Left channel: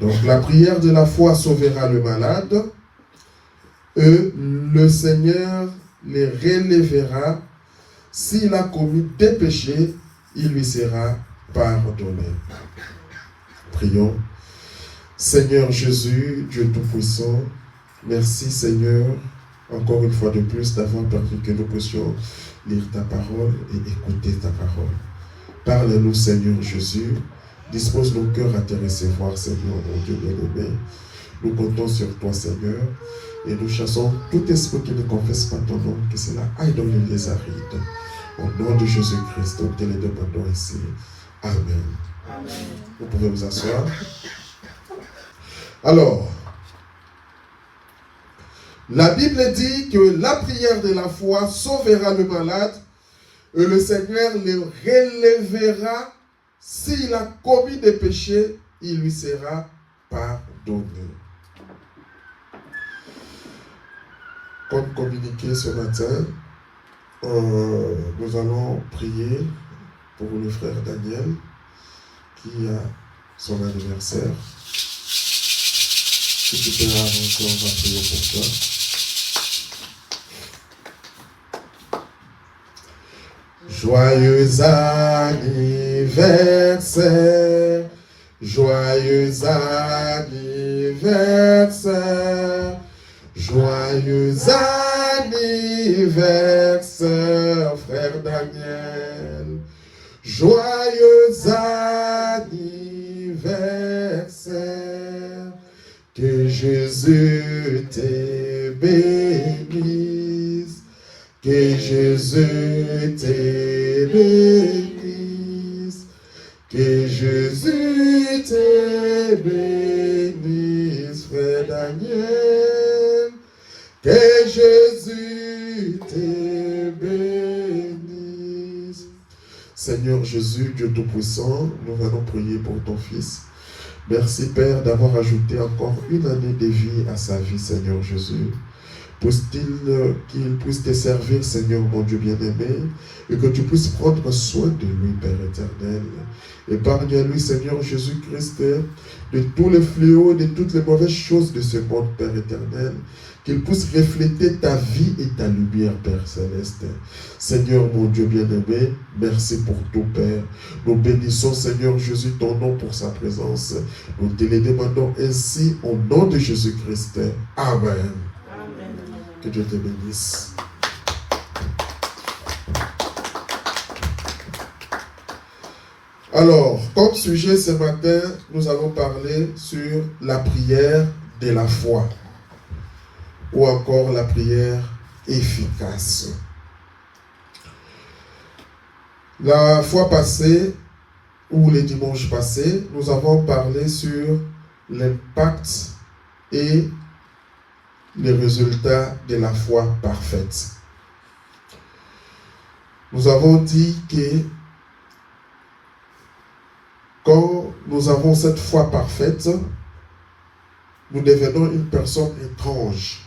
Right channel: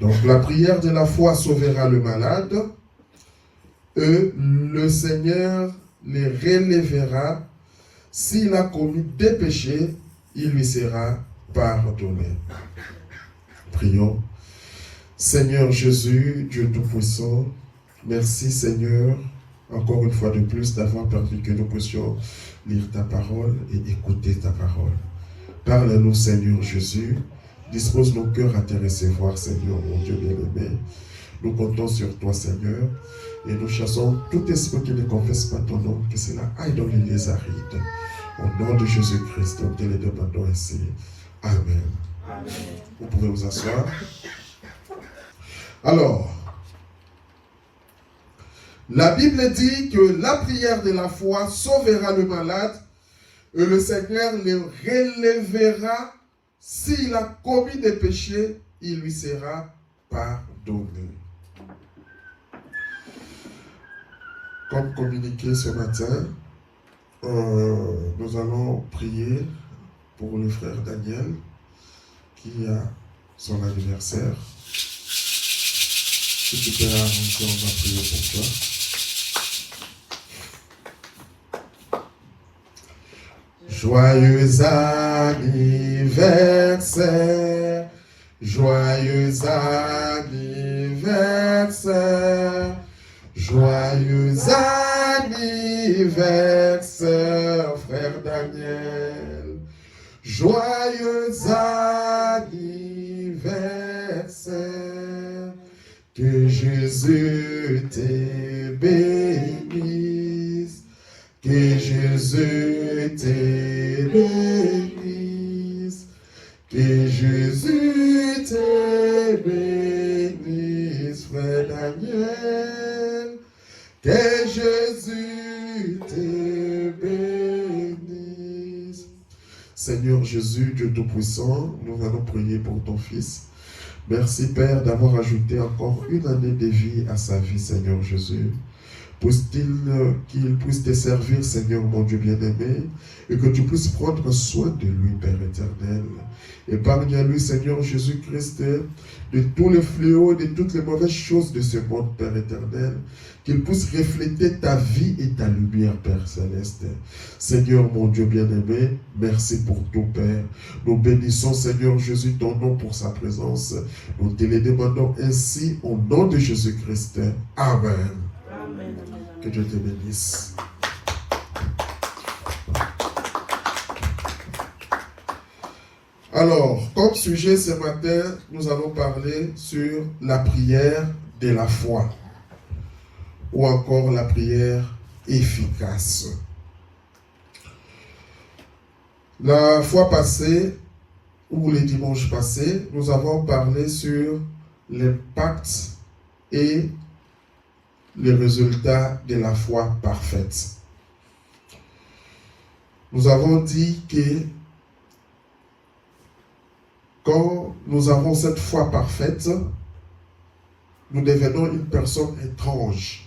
Donc la prière de la foi sauvera le malade et le Seigneur les relèvera. S'il a commis des péchés, il lui sera pardonné. Prions. Seigneur Jésus, Dieu Tout-Puissant, merci Seigneur, encore une fois de plus, d'avoir permis que nous puissions lire ta parole et écouter ta parole. Parle-nous Seigneur Jésus, dispose nos cœurs à te recevoir Seigneur, mon Dieu bien-aimé. Nous comptons sur toi Seigneur et nous chassons tout esprit qui ne confesse pas ton nom, que cela aille dans les lieux arides. Au nom de Jésus-Christ, nous te le demandons ici. Amen. Amen. Vous pouvez vous asseoir. Alors, la Bible dit que la prière de la foi sauvera le malade et le Seigneur le relèvera. S'il a commis des péchés, il lui sera pardonné. Comme communiqué ce matin, nous allons prier pour le frère Daniel qui a son anniversaire. Si tu peux avancer, on va prier pour toi. Joyeux anniversaire, joyeux anniversaire, joyeux anniversaire, frère Daniel. Joyeux anniversaire. Que Jésus te bénisse, que Jésus te bénisse, que Jésus te bénisse, frère Daniel, que Jésus te bénisse. Seigneur Jésus, Dieu Tout-Puissant, nous allons prier pour ton Fils. Merci Père d'avoir ajouté encore une année de vie à sa vie, Seigneur Jésus. Qu'il puisse te servir, Seigneur mon Dieu bien-aimé, et que tu puisses prendre soin de lui, Père éternel. Épargne à lui, Seigneur Jésus-Christ, de tous les fléaux et de toutes les mauvaises choses de ce monde, Père éternel. Qu'il puisse refléter ta vie et ta lumière, Père céleste. Seigneur mon Dieu bien-aimé, merci pour tout, Père. Nous bénissons, Seigneur Jésus, ton nom pour sa présence. Nous te le demandons ainsi au nom de Jésus-Christ. Amen. Amen. Que Dieu te bénisse. Alors, comme sujet ce matin, nous allons parler sur la prière de la foi, ou encore la prière efficace. La fois passée, ou les dimanches passés, nous avons parlé sur l'impact et les résultats de la foi parfaite. Nous avons dit que quand nous avons cette foi parfaite, nous devenons une personne étrange.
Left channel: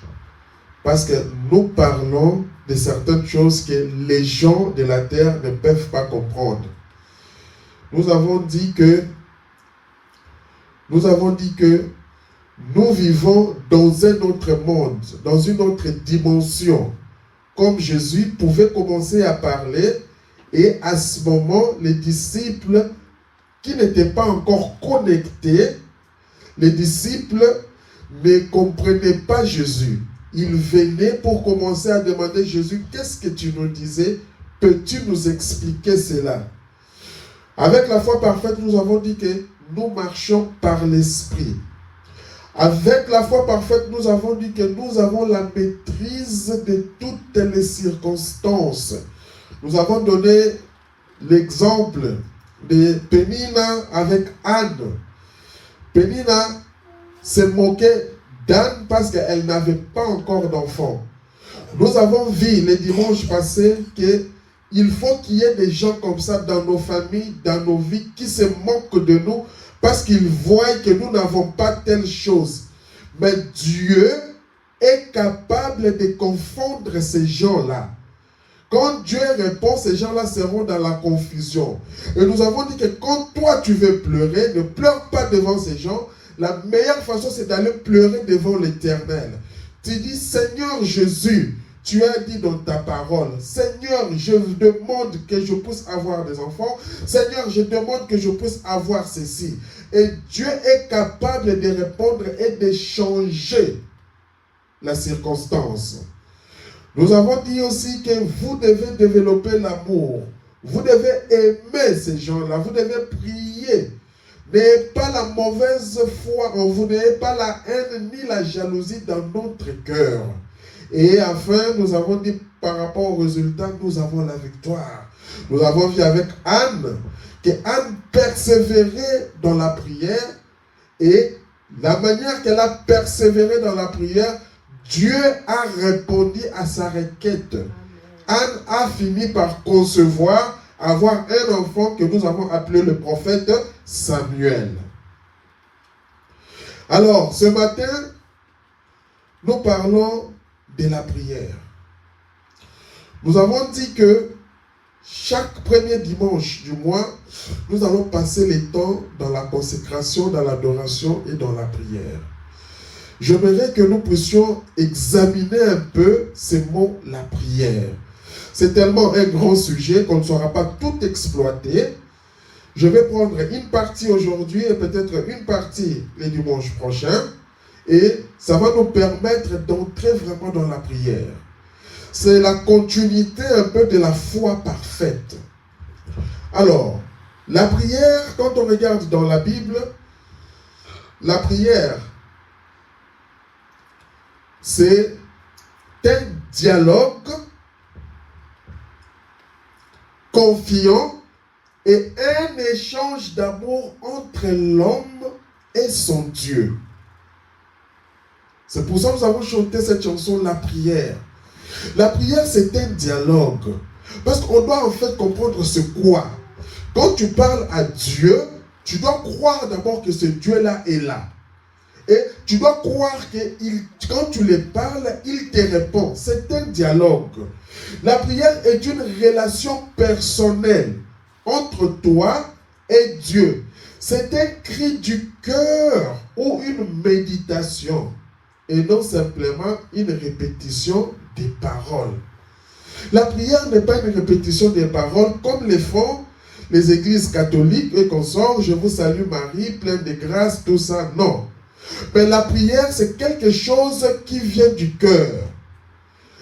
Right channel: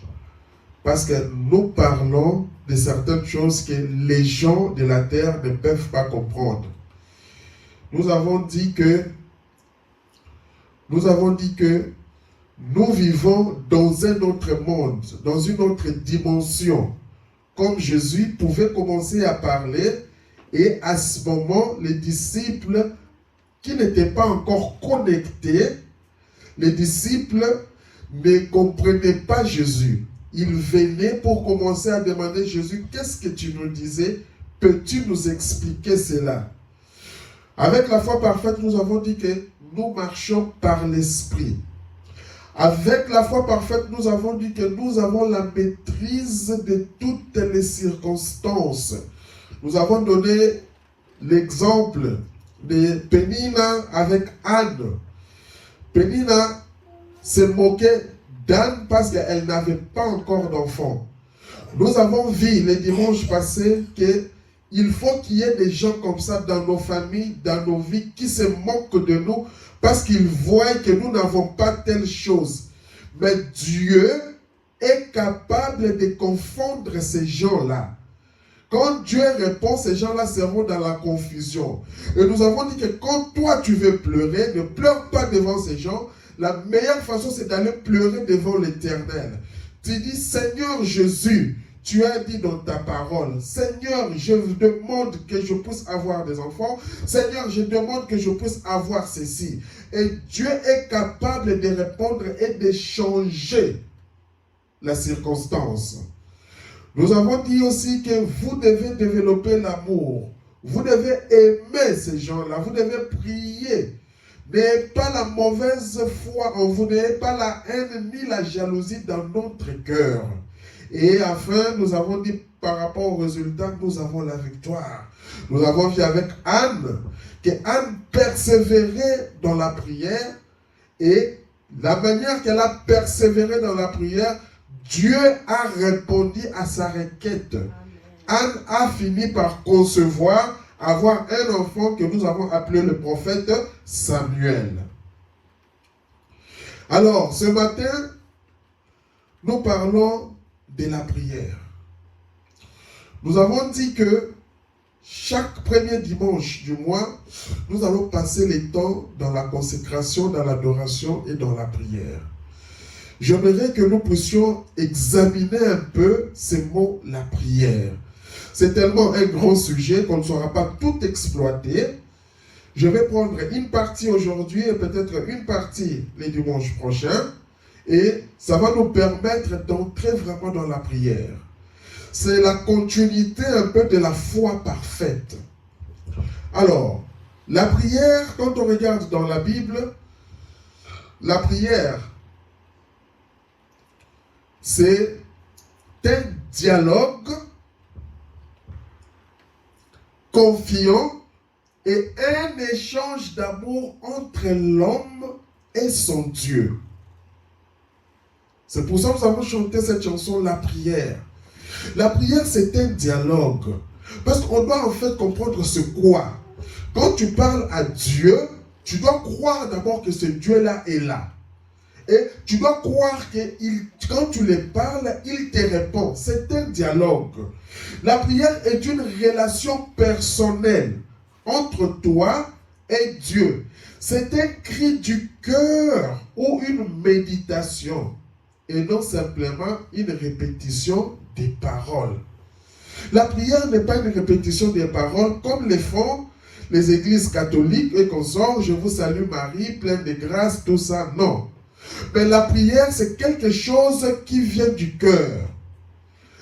Parce que nous parlons de certaines choses que les gens de la terre ne peuvent pas comprendre. Nous avons dit que nous vivons dans un autre monde, dans une autre dimension. Comme Jésus pouvait commencer à parler, et à ce moment, les disciples qui n'étaient pas encore connectés, les disciples ne comprenaient pas Jésus. Ils venaient pour commencer à demander Jésus, qu'est-ce que tu nous disais? Peux-tu nous expliquer cela? Avec la foi parfaite, nous avons dit que nous marchons par l'Esprit. Avec la foi parfaite, nous avons dit que nous avons la maîtrise de toutes les circonstances. Nous avons donné l'exemple de Pénina avec Anne. Pénina se moquait d'Anne parce qu'elle n'avait pas encore d'enfant. Nous avons vu les dimanches passés qu'il faut qu'il y ait des gens comme ça dans nos familles, dans nos vies, qui se moquent de nous parce qu'ils voient que nous n'avons pas telle chose. Mais Dieu est capable de confondre ces gens-là. Quand Dieu répond, ces gens-là seront dans la confusion. Et nous avons dit que quand toi tu veux pleurer, ne pleure pas devant ces gens. la meilleure façon, c'est d'aller pleurer devant l'Éternel. Tu dis, Seigneur Jésus, tu as dit dans ta parole, Seigneur, je demande que je puisse avoir des enfants. Seigneur, je demande que je puisse avoir ceci. Et Dieu est capable de répondre et de changer la circonstance. Nous avons dit aussi que vous devez développer l'amour. Vous devez aimer ces gens-là. Vous devez prier. N'ayez pas la mauvaise foi en vous. N'ayez pas la haine ni la jalousie dans notre cœur. Et enfin, nous avons dit par rapport au résultat, nous avons la victoire. Nous avons vu avec Anne, que Anne persévérait dans la prière. Et la manière qu'elle a persévéré dans la prière, Dieu a répondu à sa requête. Anne a fini par concevoir, avoir un enfant que nous avons appelé le prophète Samuel. Alors, ce matin, nous parlons de la prière. Nous avons dit que chaque premier dimanche du mois, nous allons passer les temps dans la consécration, dans l'adoration et dans la prière. J'aimerais que nous puissions examiner un peu ces mots, la prière. C'est tellement un grand sujet qu'on ne saura pas tout exploiter. Je vais prendre une partie aujourd'hui et peut-être une partie les dimanches prochains. Et ça va nous permettre d'entrer vraiment dans la prière. C'est la continuité un peu de la foi parfaite. Alors, la prière, quand on regarde dans la Bible, la prière, c'est un dialogue confiant et un échange d'amour entre l'homme et son Dieu. C'est pour ça que nous avons chanté cette chanson, la prière. La prière, c'est un dialogue. Parce qu'on doit en fait comprendre ce quoi. Quand tu parles à Dieu, tu dois croire d'abord que ce Dieu-là est là. Et tu dois croire que quand tu lui parles, il te répond. C'est un dialogue. La prière est une relation personnelle entre toi et Dieu. C'est un cri du cœur ou une méditation. Et non simplement une répétition des paroles. La prière n'est pas une répétition des paroles comme le font les églises catholiques et consorts. Je vous salue Marie, pleine de grâce, tout ça. Non. Mais la prière, c'est quelque chose qui vient du cœur.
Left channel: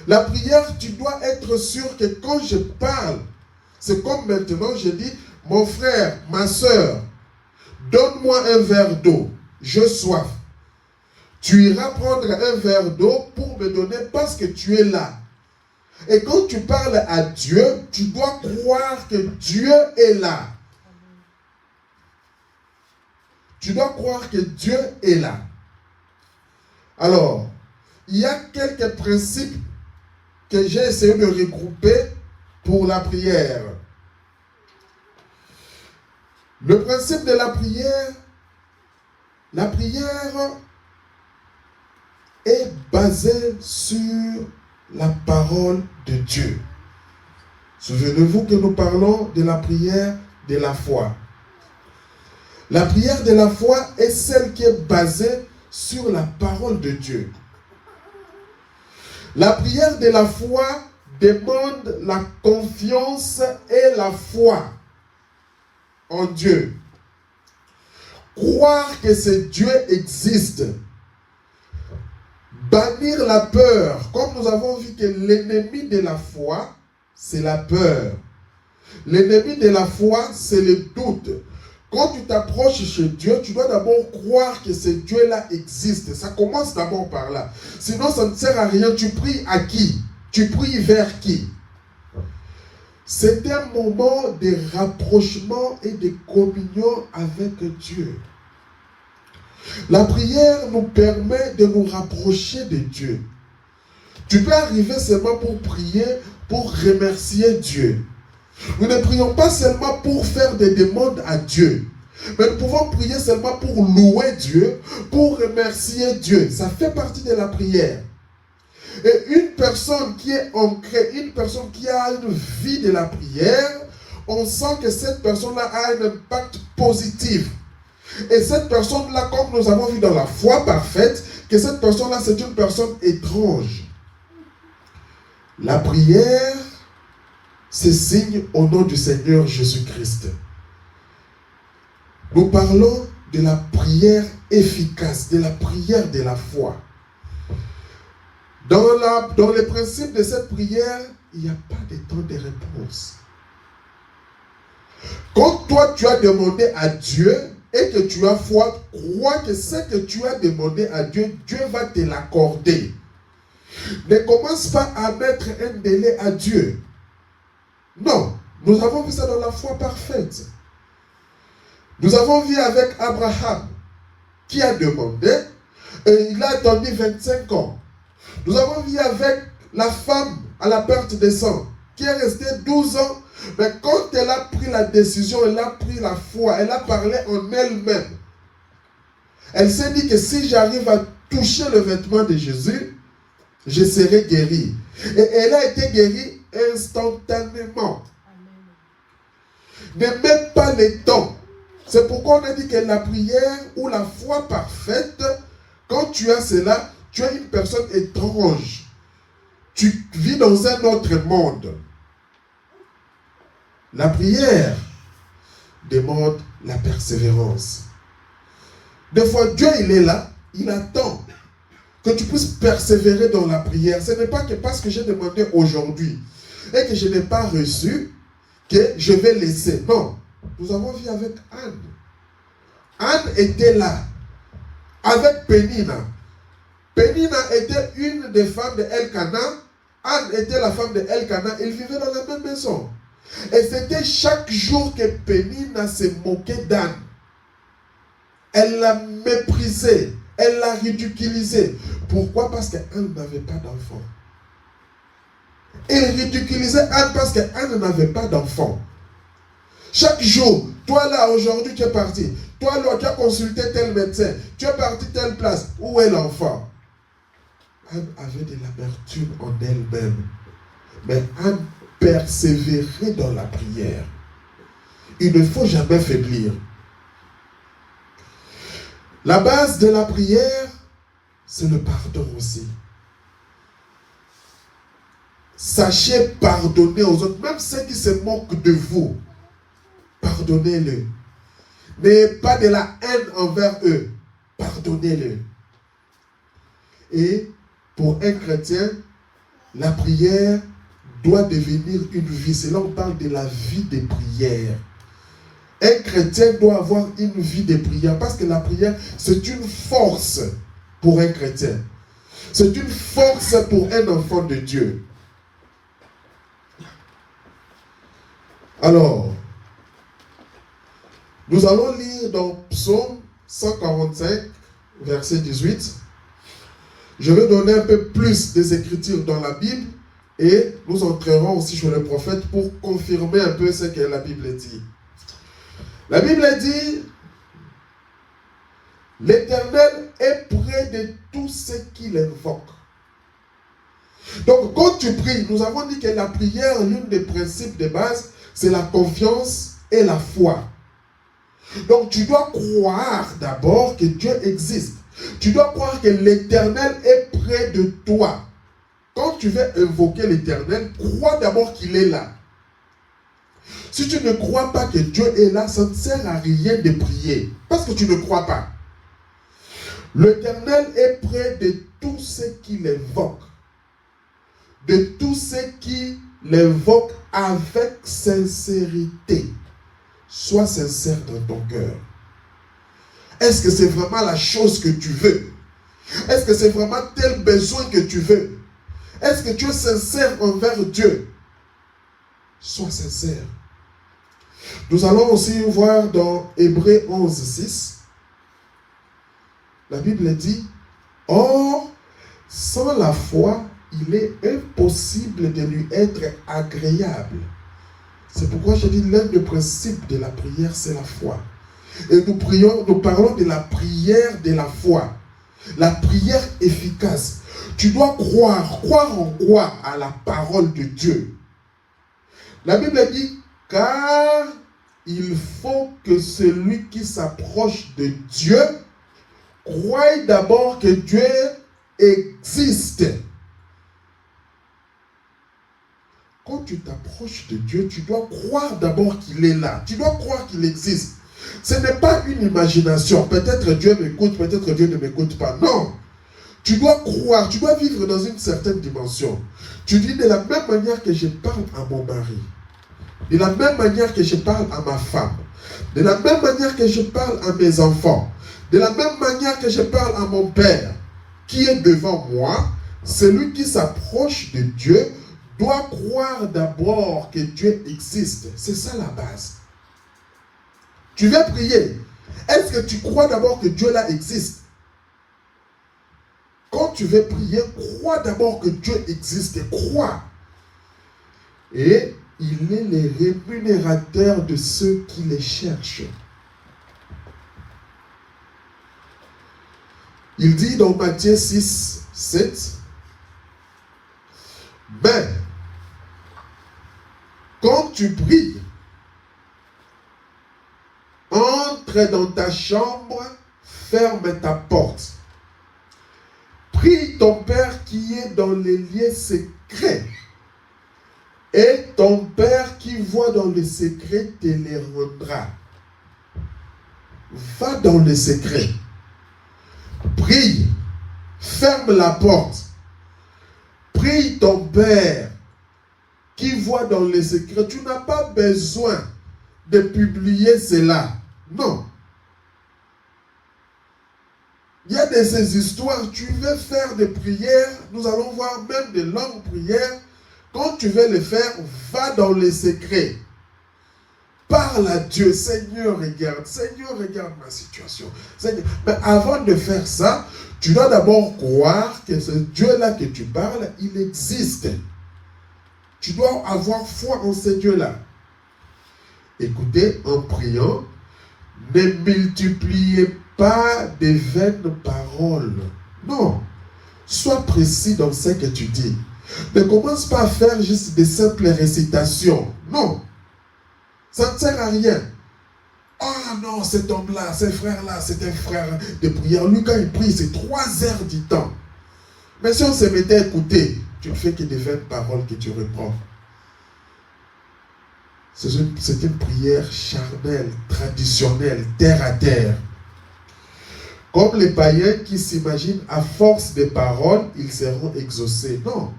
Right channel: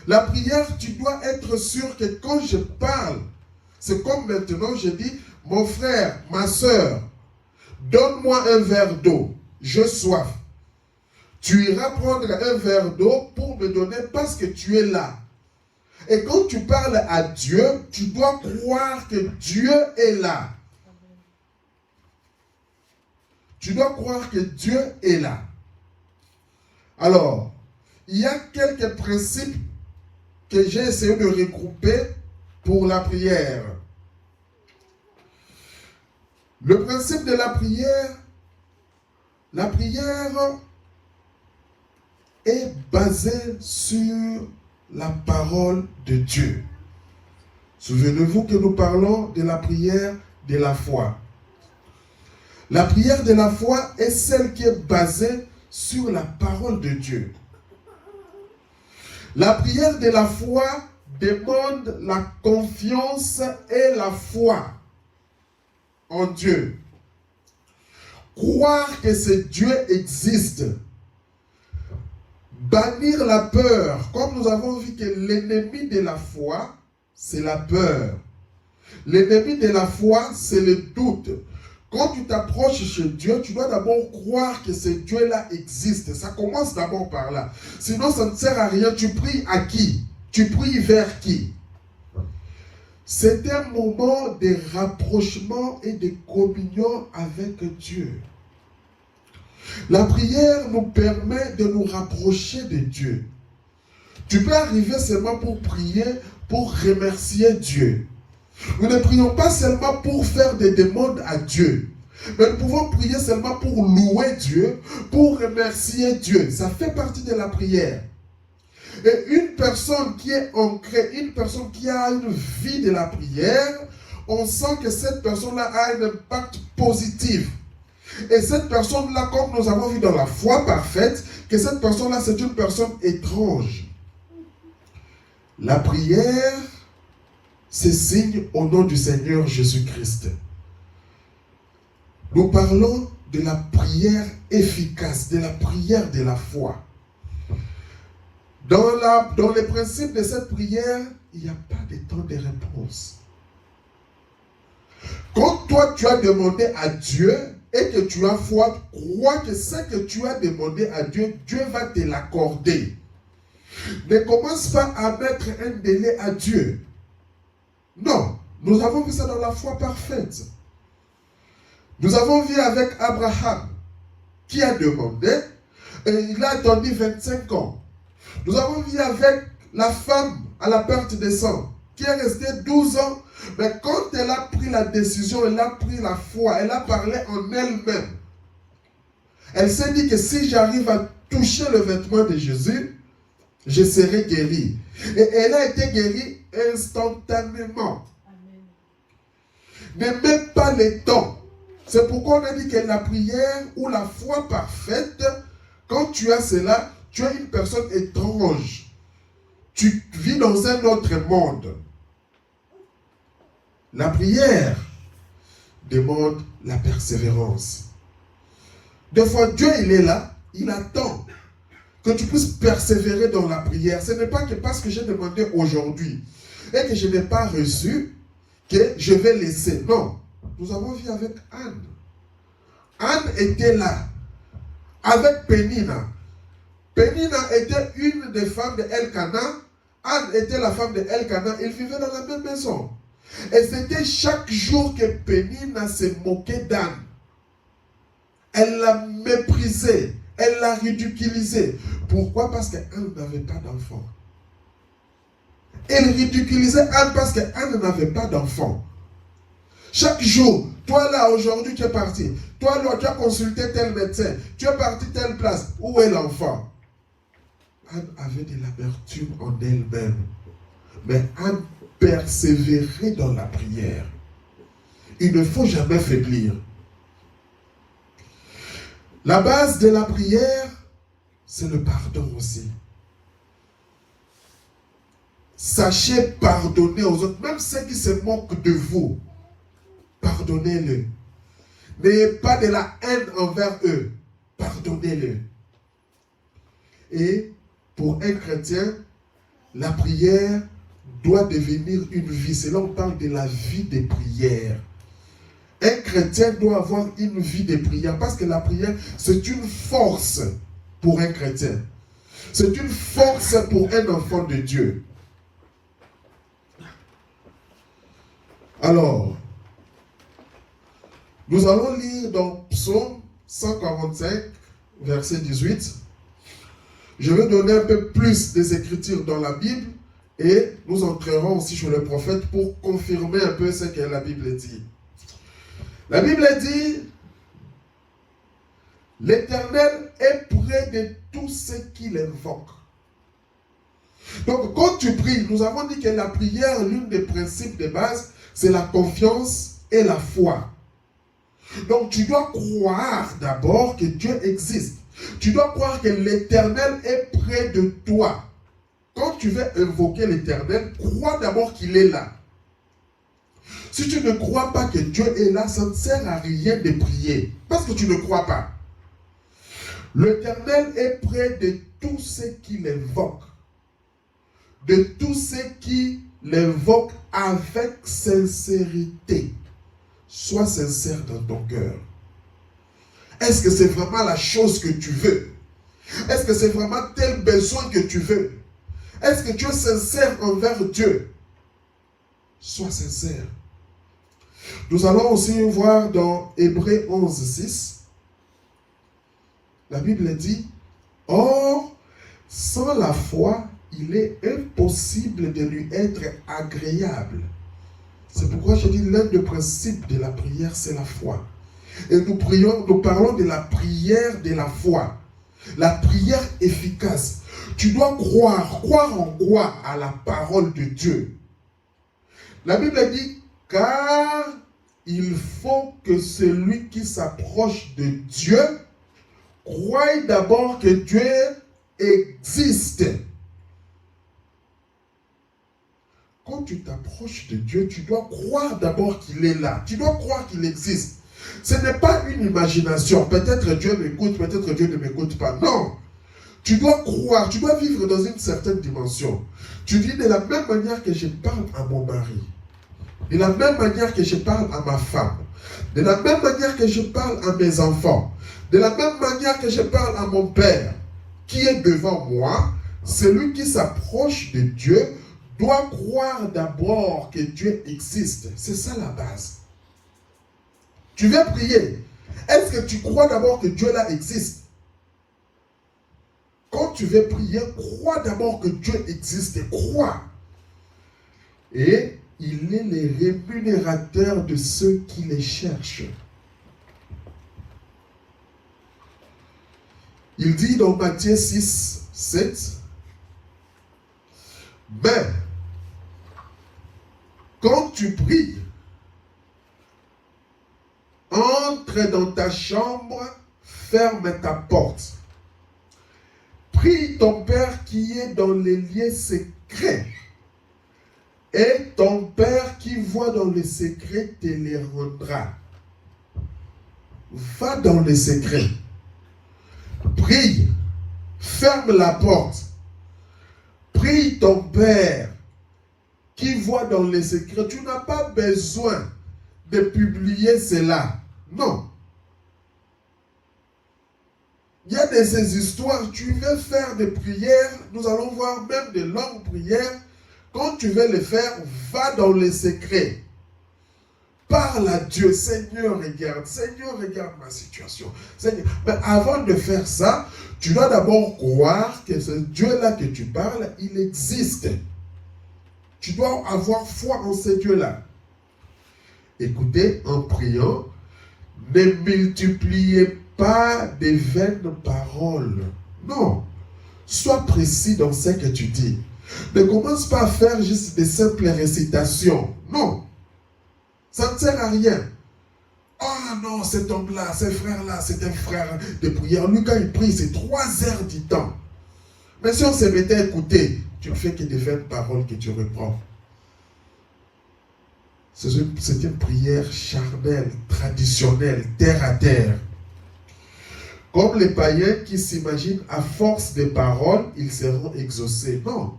La prière, tu dois être sûr que quand je parle, c'est comme maintenant, je dis, mon frère, ma soeur, donne-moi un verre d'eau, j'ai soif. Tu iras prendre un verre d'eau pour me donner parce que tu es là. Et quand tu parles à Dieu, tu dois croire que Dieu est là. Tu dois croire que Dieu est là. Alors, il y a quelques principes que j'ai essayé de regrouper pour la prière. Le principe de la prière est basée sur la parole de Dieu. Souvenez-vous que nous parlons de la prière de la foi. La prière de la foi est celle qui est basée sur la parole de Dieu. La prière de la foi demande la confiance et la foi en Dieu. Croire que ce Dieu existe. Bannir la peur. Comme nous avons vu que l'ennemi de la foi, c'est la peur. L'ennemi de la foi, c'est le doute. Quand tu t'approches chez Dieu, tu dois d'abord croire que ce Dieu-là existe. Ça commence d'abord par là. Sinon, ça ne sert à rien. Tu pries à qui? Tu pries vers qui? C'est un moment de rapprochement et de communion avec Dieu. La prière nous permet de nous rapprocher de Dieu. Tu peux arriver seulement pour prier, pour remercier Dieu. Nous ne prions pas seulement pour faire des demandes à Dieu, mais nous pouvons prier seulement pour louer Dieu, pour remercier Dieu. Ça fait partie de la prière. Et une personne qui est ancrée, une personne qui a une vie de la prière, on sent que cette personne-là a un impact positif. Et cette personne-là, comme nous avons vu dans la foi parfaite, que cette personne-là, c'est une personne étrange. La prière, c'est signe au nom du Seigneur Jésus-Christ. Nous parlons de la prière efficace, de la prière de la foi. Dans les principes de cette prière, il n'y a pas de temps de réponse. Quand toi tu as demandé à Dieu et que tu as foi, crois que ce que tu as demandé à Dieu, Dieu va te l'accorder. Ne commence pas à mettre un délai à Dieu. Non, nous avons vu ça dans la foi parfaite. Nous avons vu avec Abraham qui a demandé et il a attendu 25 ans. Nous avons vu avec la femme à la perte des sang qui est restée 12 ans. Mais quand elle a pris la décision, elle a pris la foi, elle a parlé en elle-même. Elle s'est dit que si j'arrive à toucher le vêtement de Jésus, je serai guéri. Et elle a été guérie instantanément. Ne mets pas les temps. C'est pourquoi on a dit que la prière ou la foi parfaite, quand tu as cela, tu es une personne étrange. Tu vis dans un autre monde. La prière demande la persévérance. Des fois, Dieu, il est là, il attend que tu puisses persévérer dans la prière. Ce n'est pas que parce que j'ai demandé aujourd'hui et que je n'ai pas reçu, que je vais laisser. Non. Nous avons vu avec Anne. Anne était là, avec Pénina. Pénina était une des femmes de Elkana. Anne était la femme de Elkana. Ils vivaient dans la même maison. Et c'était chaque jour que Pénina se moquait d'Anne. Elle l'a méprisée. Elle l'a ridiculisée. Pourquoi? Parce qu'Anne n'avait pas d'enfant. Elle ridiculisait Anne parce qu'Anne n'avait pas d'enfant. Chaque jour, toi là, aujourd'hui, tu es parti. Toi là, tu as consulté tel médecin. Tu es parti telle place. Où est l'enfant? Anne avait de l'amertume en elle-même. Mais Anne persévérait dans la prière. Il ne faut jamais faiblir. La base de la prière, c'est le pardon aussi. Sachez pardonner aux autres, même ceux qui se moquent de vous. Pardonnez-le. Mais pas de la haine envers eux. Pardonnez-le. Et pour un chrétien, la prière doit devenir une vie. C'est là qu'on parle de la vie de prière. Un chrétien doit avoir une vie de prière parce que la prière, c'est une force pour un chrétien. C'est une force pour un enfant de Dieu. Alors, nous allons lire dans Psaume 145, verset 18. Je vais donner un peu plus des écritures dans la Bible et nous entrerons aussi chez le prophète pour confirmer un peu ce que la Bible dit. La Bible dit, l'Éternel est près de tous ceux qui l'invoquent. Donc, quand tu pries, nous avons dit que la prière, l'un des principes de base, c'est la confiance et la foi. Donc, tu dois croire d'abord que Dieu existe. Tu dois croire que l'Éternel est près de toi. Quand tu veux invoquer l'Éternel, crois d'abord qu'il est là. Si tu ne crois pas que Dieu est là, ça ne sert à rien de prier. Parce que tu ne crois pas. L'Éternel est près de tous ceux qui l'invoquent. De tous ceux qui l'invoquent avec sincérité. Sois sincère dans ton cœur. Est-ce que c'est vraiment la chose que tu veux? Est-ce que c'est vraiment tel besoin que tu veux? Est-ce que tu es sincère envers Dieu? Sois sincère. Nous allons aussi voir dans Hébreux 11, 6. La Bible dit, or, sans la foi, il est impossible de lui être agréable. C'est pourquoi je dis l'un des principes de la prière, c'est la foi. Et nous parlons de la prière de la foi. La prière efficace. Tu dois croire. Croire en quoi? À la parole de Dieu. La Bible dit, car il faut que celui qui s'approche de Dieu croie d'abord que Dieu existe. Quand tu t'approches de Dieu, tu dois croire d'abord qu'il est là. Tu dois croire qu'il existe. Ce n'est pas une imagination. Peut-être Dieu m'écoute, peut-être Dieu ne m'écoute pas. Non. Tu dois croire, tu dois vivre dans une certaine dimension. Tu dis de la même manière que je parle à mon mari, de la même manière que je parle à ma femme, de la même manière que je parle à mes enfants, de la même manière que je parle à mon père, qui est devant moi, celui qui s'approche de Dieu doit croire d'abord que Dieu existe. C'est ça la base. Tu viens prier. Est-ce que tu crois d'abord que Dieu là existe? Quand tu veux prier, crois d'abord que Dieu existe. Crois. Et il est le rémunérateur de ceux qui les cherchent. Il dit dans Matthieu 6, 7, mais quand tu pries, entre dans ta chambre, ferme ta porte. Prie ton Père qui est dans les lieux secrets. Et ton Père qui voit dans le secret te les rendra. Va dans le secret. Prie. Ferme la porte. Prie ton Père qui voit dans le secret. Tu n'as pas besoin de publier cela. Non. Il y a de ces histoires, tu veux faire des prières, nous allons voir même de longues prières. Quand tu veux les faire, va dans les secrets. Parle à Dieu. Seigneur, regarde ma situation. Seigneur. Mais avant de faire ça, tu dois d'abord croire que ce Dieu-là que tu parles, il existe. Tu dois avoir foi en ce Dieu-là. Écoutez, en priant, ne multipliez pas de vaines paroles. Non. Sois précis dans ce que tu dis. Ne commence pas à faire juste des simples récitations. Non. Ça ne sert à rien. Ah non, cet homme-là, ce frère-là, c'est un frère de prière. Lui, quand il prie, c'est 3 heures du temps. Mais si on se mettait à écouter, tu ne fais que des vaines paroles que tu reprends. C'est une prière charnelle, traditionnelle, terre à terre. Comme les païens qui s'imaginent à force de paroles, ils seront exaucés. Non.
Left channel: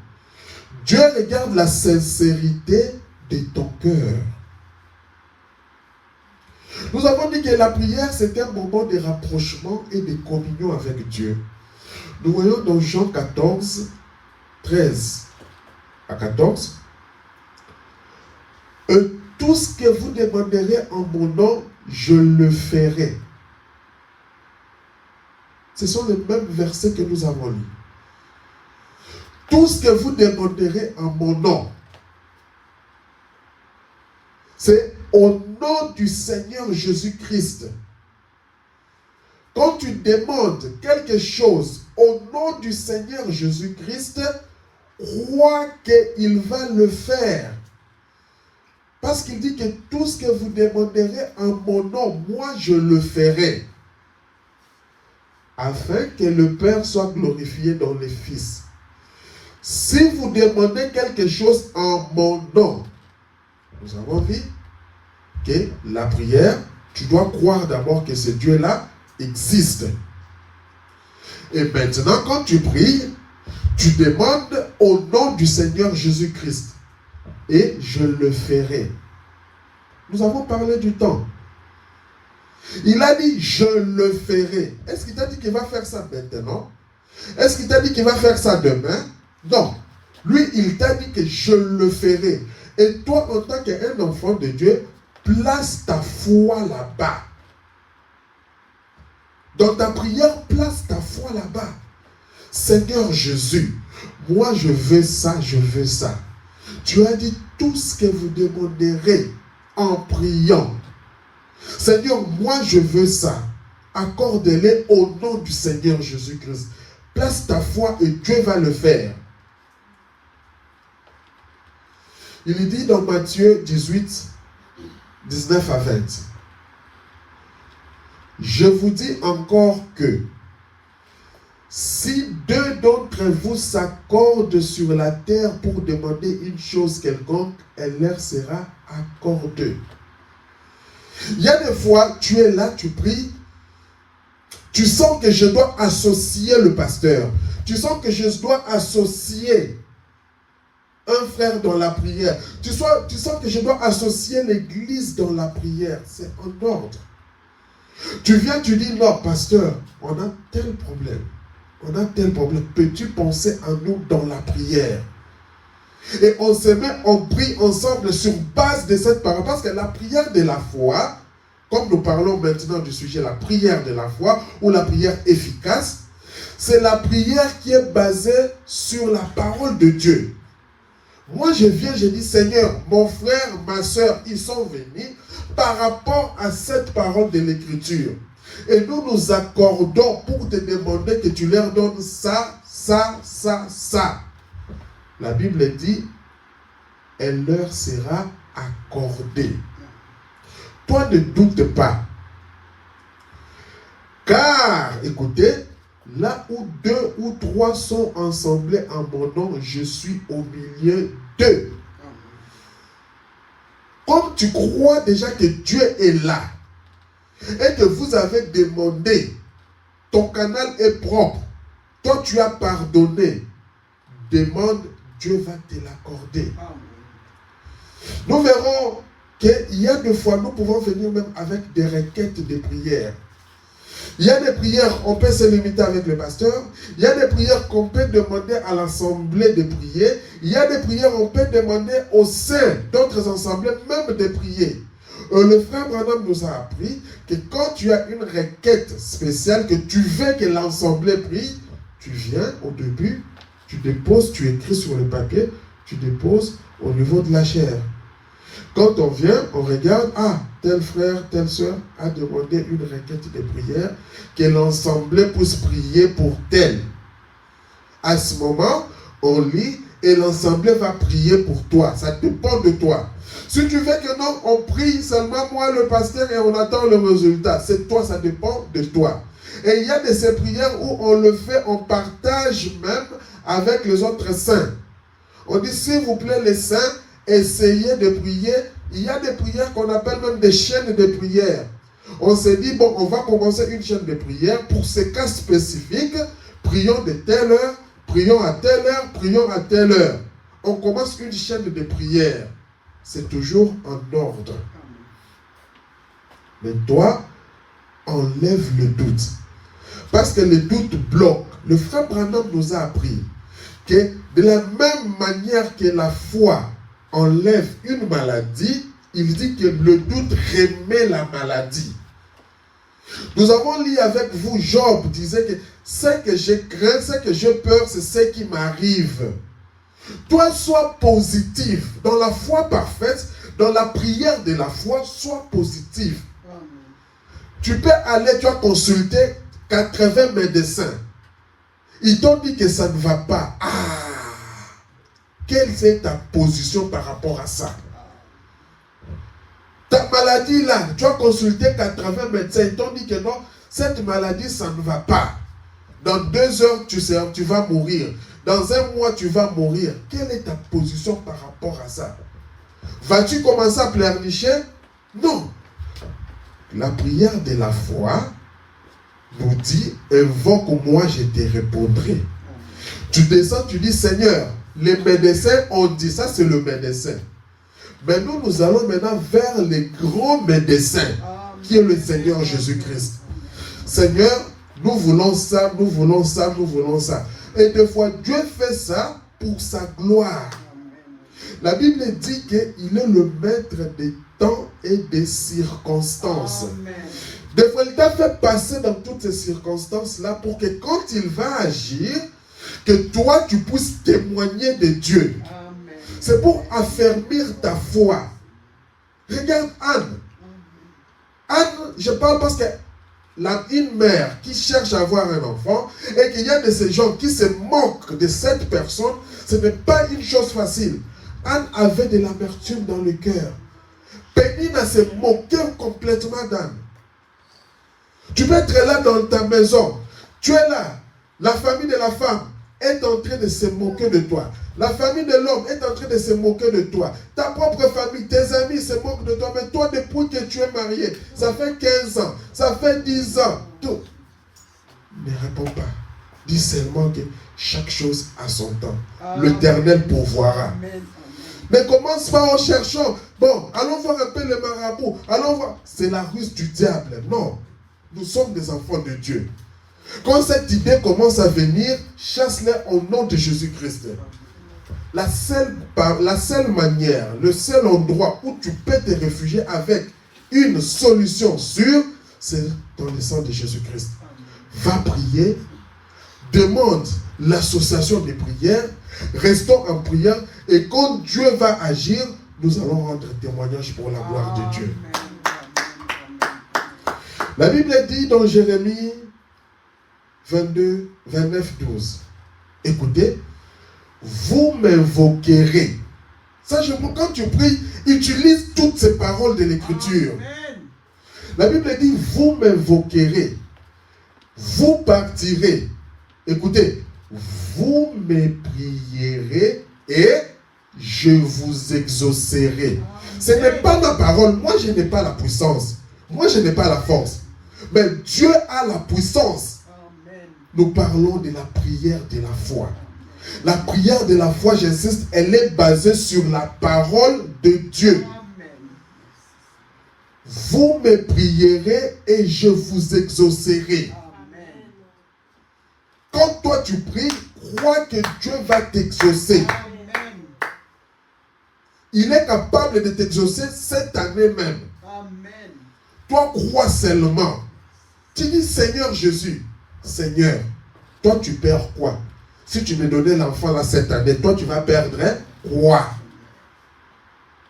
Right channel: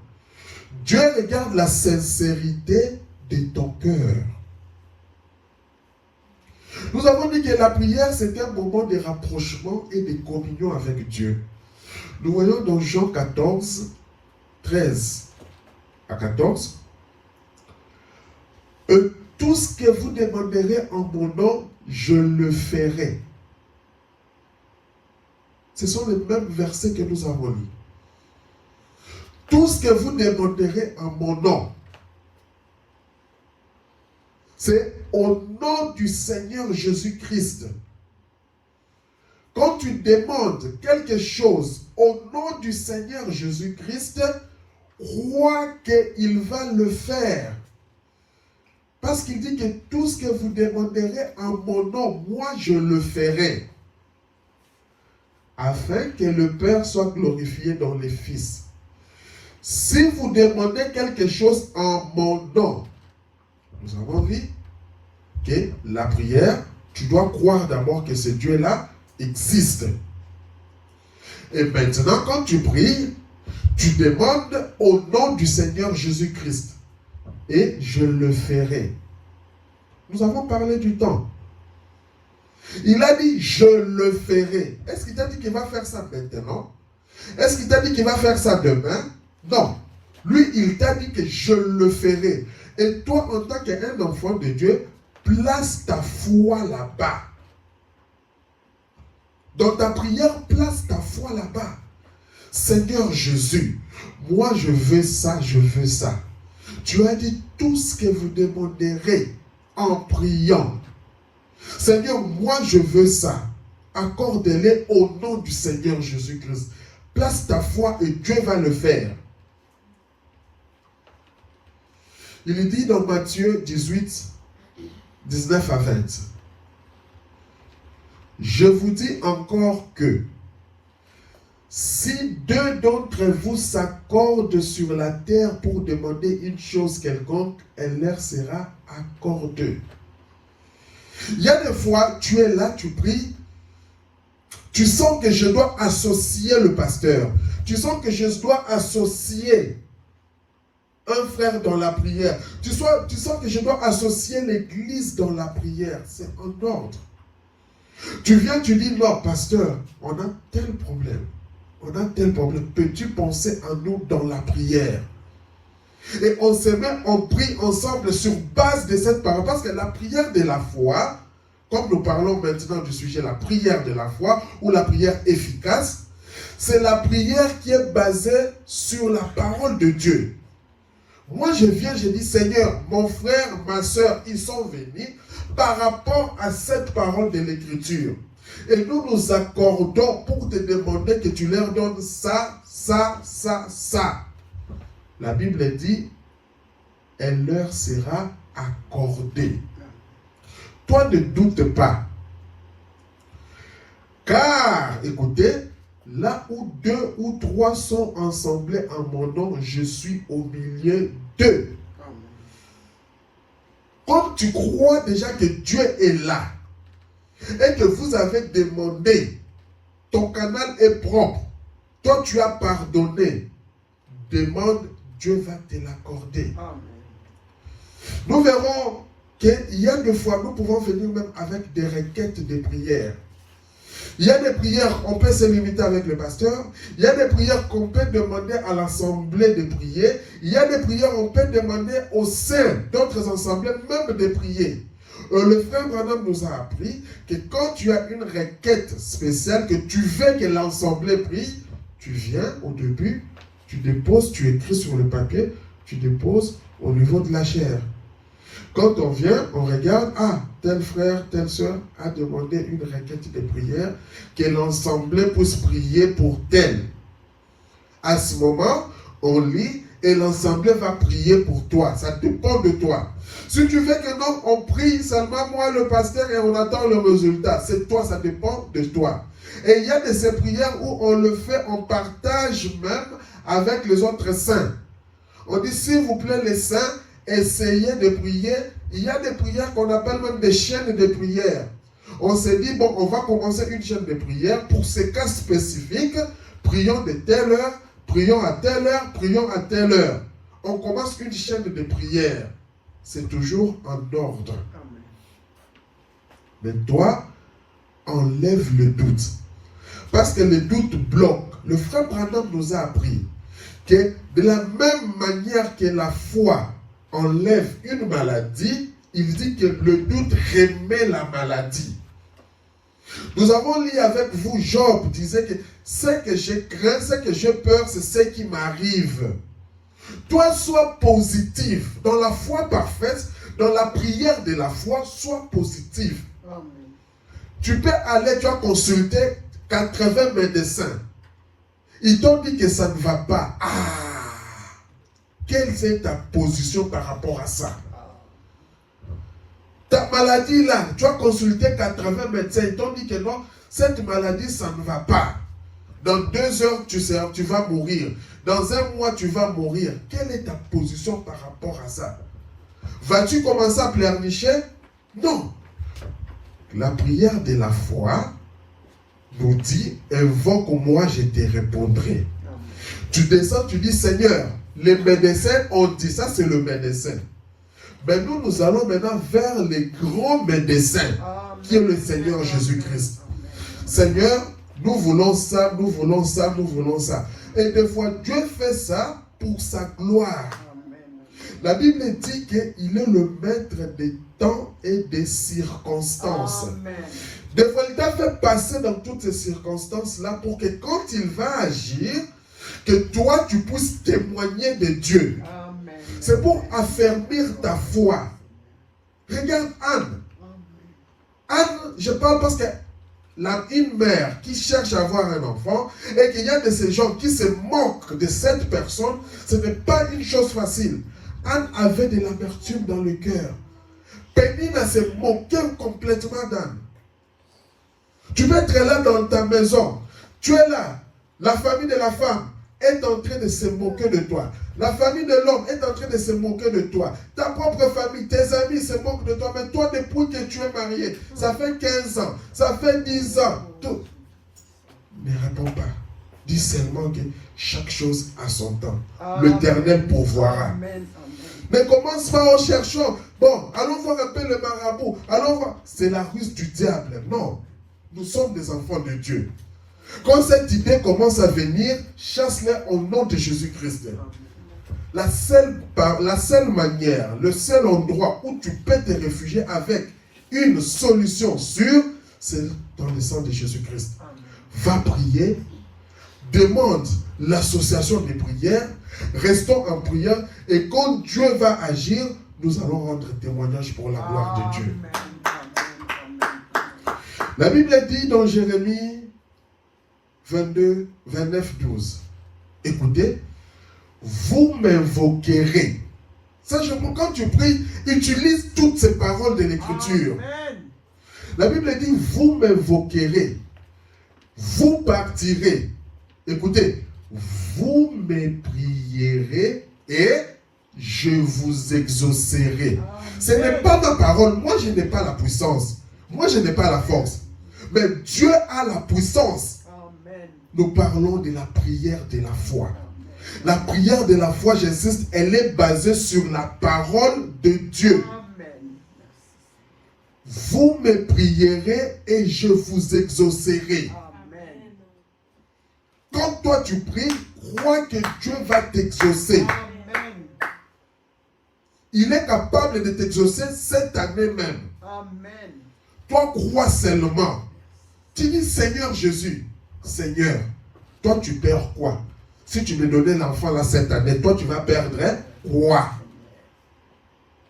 Dieu regarde la sincérité de ton cœur. Nous avons dit que la prière, c'est un moment de rapprochement et de communion avec Dieu. Nous voyons dans Jean 14, 13 à 14. Tout ce que vous demanderez en mon nom, je le ferai. Ce sont les mêmes versets que nous avons lus. Tout ce que vous demanderez en mon nom, c'est au nom du Seigneur Jésus-Christ. Quand tu demandes quelque chose au nom du Seigneur Jésus-Christ, crois qu'il va le faire. Parce qu'il dit que tout ce que vous demanderez en mon nom, moi je le ferai. Afin que le Père soit glorifié dans le Fils. Si vous demandez quelque chose en mon nom, nous avons vu que la prière, tu dois croire d'abord que ce Dieu-là existe. Et maintenant, quand tu pries, tu demandes au nom du Seigneur Jésus-Christ. Et je le ferai. Nous avons parlé du temps. Il a dit, je le ferai. Est-ce qu'il t'a dit qu'il va faire ça maintenant? Est-ce qu'il t'a dit qu'il va faire ça demain? Non. Lui, il t'a dit que je le ferai. Et toi, en tant qu'un enfant de Dieu, place ta foi là-bas. Dans ta prière, place ta foi là-bas. Seigneur Jésus, moi je veux ça, je veux ça. Tu as dit tout ce que vous demanderez en priant. Seigneur, moi je veux ça. Accorde-les au nom du Seigneur Jésus-Christ. Place ta foi et Dieu va le faire. Il dit dans Matthieu 18, 19 à 20. Je vous dis encore que si deux d'entre vous s'accordent sur la terre pour demander une chose quelconque, elle leur sera accordée. Il y a des fois, tu es là, tu pries, tu sens que je dois associer le pasteur, tu sens que je dois associer un frère dans la prière, tu sens que je dois associer l'église dans la prière, c'est en ordre. Tu viens, tu dis, non, pasteur, on a tel problème. On a tel problème. Peux-tu penser à nous dans la prière? Et on se met, on prie ensemble sur base de cette parole. Parce que la prière de la foi, comme nous parlons maintenant du sujet, la prière de la foi, ou la prière efficace, c'est la prière qui est basée sur la parole de Dieu. Moi, je viens, je dis, Seigneur, mon frère, ma soeur, ils sont venus par rapport à cette parole de l'Écriture. Et nous nous accordons pour te demander que tu leur donnes ça, ça, ça, ça. La Bible dit, elle leur sera accordée. Toi, ne doute pas. Car, écoutez, là où 2 ou 3 sont assemblés en mon nom, je suis au milieu d'eux. Comme tu crois déjà que Dieu est là, et que vous avez demandé, ton canal est propre, toi tu as pardonné, demande, Dieu va te l'accorder. Nous verrons qu'il y a des fois, nous pouvons venir même avec des requêtes de prières. Il y a des prières, on peut se limiter avec le pasteur. Il y a des prières qu'on peut demander à l'assemblée de prier. Il y a des prières qu'on peut demander au sein d'autres assemblées même de prier. Le frère Branham nous a appris que quand tu as une requête spéciale, que tu veux que l'assemblée prie, tu viens au début, tu déposes, tu écris sur le papier, tu déposes au niveau de la chair. Quand on vient, on regarde, ah, tel frère, telle soeur a demandé une requête de prière, que l'assemblée puisse prier pour tel. À ce moment, on lit et l'assemblée va prier pour toi. Ça dépend de toi. Si tu veux que non, on prie seulement moi, le pasteur, et on attend le résultat. C'est toi, ça dépend de toi. Et il y a de ces prières où on le fait, on partage même avec les autres saints. On dit, s'il vous plaît, les saints, essayez de prier. Il y a des prières qu'on appelle même des chaînes de prière. On s'est dit, bon, on va commencer une chaîne de prière pour ces cas spécifiques. Prions de telle heure, prions à telle heure, prions à telle heure. On commence une chaîne de prière. C'est toujours en ordre. Mais toi, enlève le doute. Parce que le doute bloque. Le frère Branham nous a appris que de la même manière que la foi enlève une maladie, il dit que le doute remet la maladie. Nous avons lu avec vous, Job disait que ce que je crains, ce que j'ai peur, c'est ce qui m'arrive. Toi, sois positif. Dans la foi parfaite, dans la prière de la foi, sois positif. Tu peux aller, tu as consulté 80 médecins. Ils t'ont dit que ça ne va pas. Ah! Quelle est ta position par rapport à ça? Ta maladie là, tu as consulté 80 médecins, ils t'ont dit que non, cette maladie, ça ne va pas. Dans 2 heures, tu vas mourir. Dans 1 mois, tu vas mourir. Quelle est ta position par rapport à ça? Vas-tu commencer à pleurnicher? Non. La prière de la foi nous dit, invoque-moi, je te répondrai. Tu descends, tu dis, Seigneur, les médecins ont dit, ça c'est le médecin. Mais nous allons maintenant vers les grands médecins, qui est le Seigneur Jésus-Christ. Seigneur, nous voulons ça, nous voulons ça, nous voulons ça. Et des fois, Dieu fait ça pour sa gloire. La Bible dit qu'il est le maître des temps et des circonstances. Des fois, il t'a fait passer dans toutes ces circonstances-là pour que quand il va agir, que toi, tu puisses témoigner de Dieu. C'est pour affermir ta foi. Regarde Anne. Anne, je parle parce que une mère qui cherche à avoir un enfant et qu'il y a de ces gens qui se moquent de cette personne, ce n'est pas une chose facile. Anne avait de l'amertume dans le cœur. Pénina se moquait complètement d'Anne. Tu peux être là dans ta maison. Tu es là. La famille de la femme est en train de se moquer de toi. La famille de l'homme est en train de se moquer de toi. Ta propre famille, tes amis se moquent de toi. Mais toi, depuis que tu es marié, ça fait 15 ans, ça fait 10 ans. Tout. Ne réponds pas. Dis seulement que chaque chose a son temps. L'Éternel pourvoira. Ne commence pas en cherchant. Bon, allons voir un peu le marabout. Allons voir. C'est la ruse du diable. Non. Nous sommes des enfants de Dieu. Quand cette idée commence à venir, chasse-les au nom de Jésus-Christ. La seule manière, le seul endroit où tu peux te réfugier avec une solution sûre, c'est dans le sang de Jésus-Christ. Va prier, demande l'association des prières, restons en prière, et quand Dieu va agir, nous allons rendre témoignage pour la gloire de Dieu. La Bible dit dans Jérémie 22, 29, 12. Écoutez, vous m'invoquerez. Quand tu pries, utilise toutes ces paroles de l'Écriture. La Bible dit, vous m'invoquerez. Vous partirez. Écoutez, vous me prierez et je vous exaucerai. Ce n'est pas ma parole. Moi, je n'ai pas la puissance. Moi, je n'ai pas la force. Mais Dieu a la puissance. Nous parlons de la prière de la foi. La prière de la foi, j'insiste, elle est basée sur la parole de Dieu. Vous me prierez et je vous exaucerai. Quand toi tu pries, crois que Dieu va t'exaucer. Il est capable de t'exaucer cette année même. Toi, crois seulement. Tu dis, Seigneur Jésus, Seigneur, toi tu perds quoi? Si tu me donnais l'enfant là cette année, toi tu vas perdre quoi?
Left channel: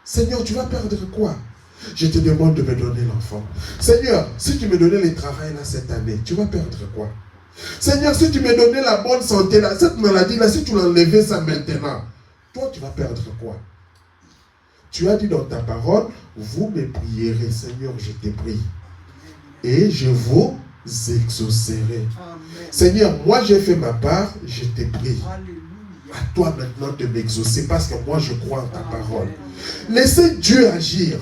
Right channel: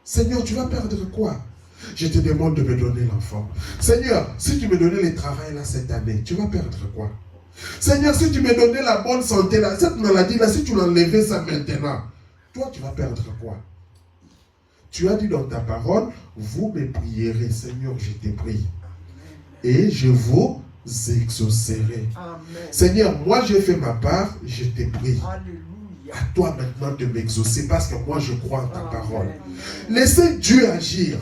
Seigneur, tu vas perdre quoi? Je te demande de me donner l'enfant. Seigneur, si tu me donnais le travail là cette année, tu vas perdre quoi? Seigneur, si tu me donnais la bonne santé là, cette maladie là, si tu l'enlevais ça maintenant, toi tu vas perdre quoi? Tu as dit dans ta parole, vous me prierez, Seigneur, je te prie. Et je vous exaucerai. Amen. Seigneur, moi j'ai fait ma part, je te prie. Alléluia. À toi maintenant de m'exaucer parce que moi je crois en ta parole. Laissez Dieu agir.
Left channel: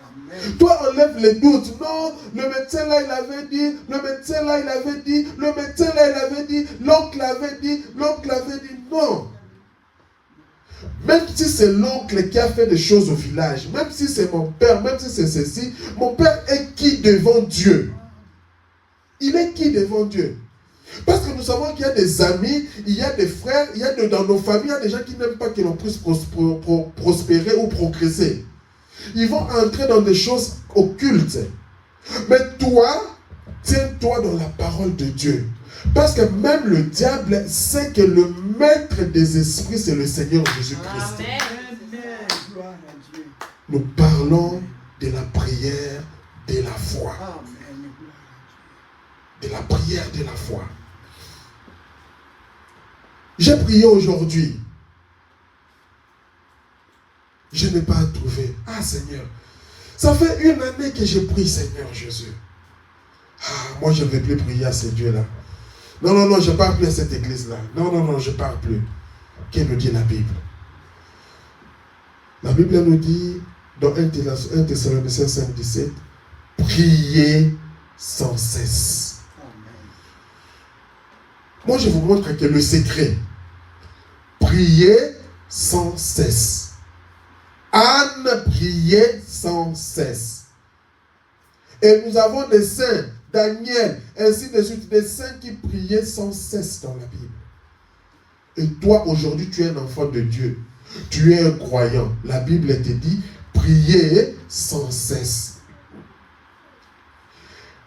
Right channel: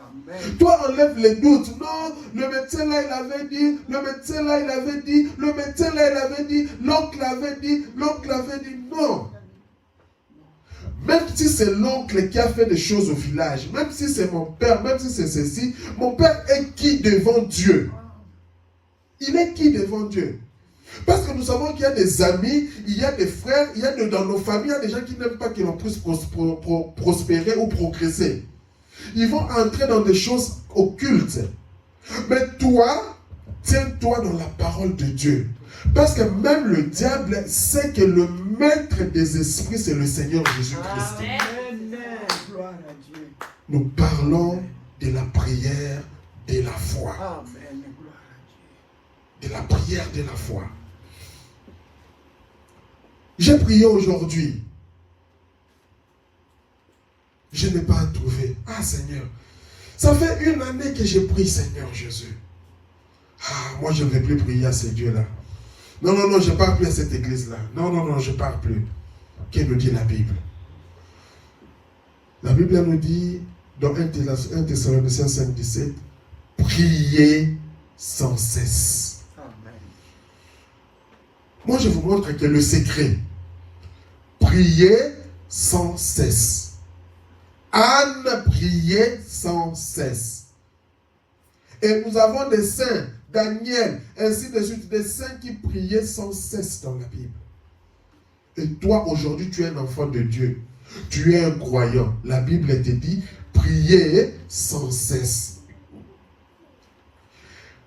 Amen. Toi enlève les doutes. Non, le médecin là il avait dit, le médecin là il avait dit, le médecin là il avait dit, l'oncle avait dit, l'oncle avait dit. Non. Même si c'est l'oncle qui a fait des choses au village, même si c'est mon père, même si c'est ceci, mon père est qui devant Dieu? Il est qui devant Dieu? Parce que nous savons qu'il y a des amis, il y a des frères, dans nos familles, il y a des gens qui n'aiment pas que l'on puisse prospérer ou progresser. Ils vont entrer dans des choses occultes. Mais toi, tiens-toi dans la parole de Dieu. Parce que même le diable sait que le maître des esprits, c'est le Seigneur Jésus-Christ. Nous parlons de la prière de la foi. De la prière de la foi. J'ai prié aujourd'hui. Je n'ai pas trouvé. Ah Seigneur, ça fait une année que je prie Seigneur Jésus. Ah, moi je ne vais plus prier à ce Dieu-là. Non, je ne parle plus à cette église-là. Non, je ne parle plus. Qu'est-ce que nous dit la Bible? La Bible nous dit, dans 1 Thessaloniciens 5, 17, priez sans cesse. Moi, je vous montre que le secret, priez sans cesse. Anne priait sans cesse. Et nous avons des saints, Daniel, ainsi de suite, des saints qui priaient sans cesse dans la Bible. Et toi, aujourd'hui, tu es un enfant de Dieu. Tu es un croyant. La Bible te dit, priez sans cesse.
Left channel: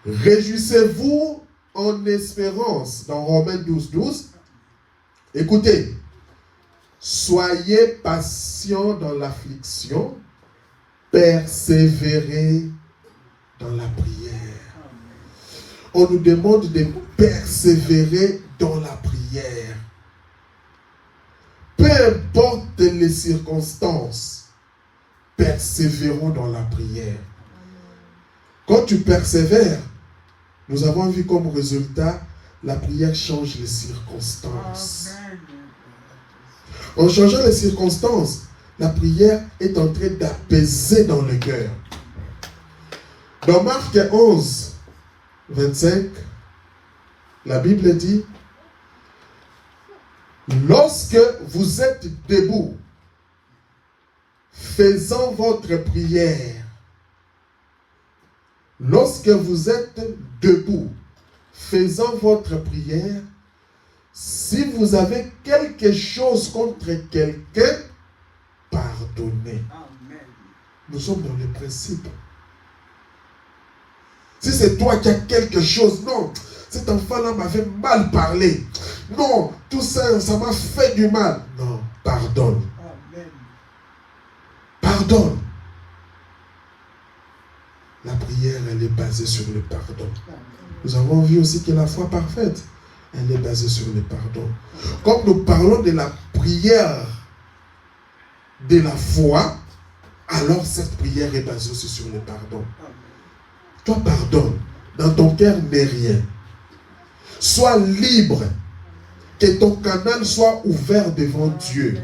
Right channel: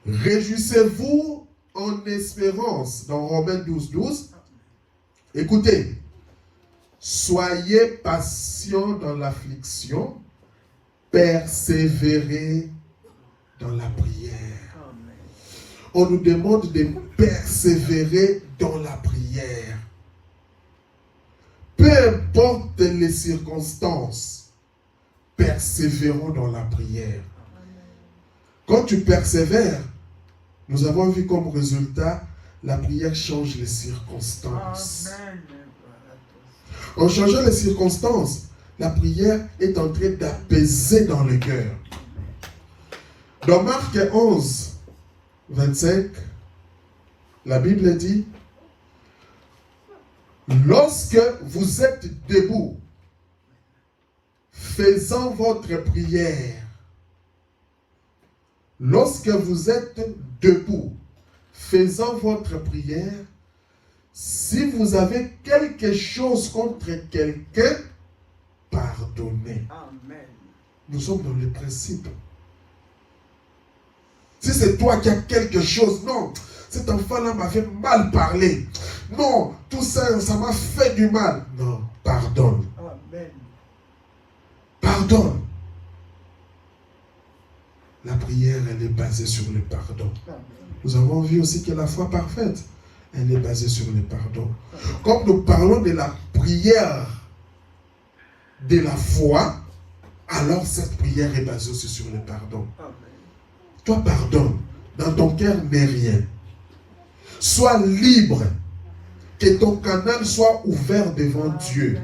Réjouissez-vous en espérance. Dans Romains 12, 12. Écoutez. Soyez patients dans l'affliction. Persévérez dans la prière. On nous demande de persévérer dans la prière. Peu importe les circonstances, persévérons dans la prière. Quand tu persévères, nous avons vu comme résultat, la prière change les circonstances. En changeant les circonstances, la prière est en train d'apaiser dans le cœur. Dans Marc 11, 25, la Bible dit, lorsque vous êtes debout, faisant votre prière, lorsque vous êtes debout, faisant votre prière, si vous avez quelque chose contre quelqu'un, pardonnez. Amen. Nous sommes dans le principe. Si c'est toi qui as quelque chose, non, cet enfant-là m'avait mal parlé. Non, tout ça, ça m'a fait du mal. Non, pardonne. Amen. Pardonne. La prière, elle est basée sur le pardon. Nous avons vu aussi que la foi parfaite, elle est basée sur le pardon. Comme nous parlons de la prière de la foi, alors cette prière est basée aussi sur le pardon. Toi, pardonne. Dans ton cœur n'est rien. Sois libre. Que ton canal soit ouvert devant Dieu.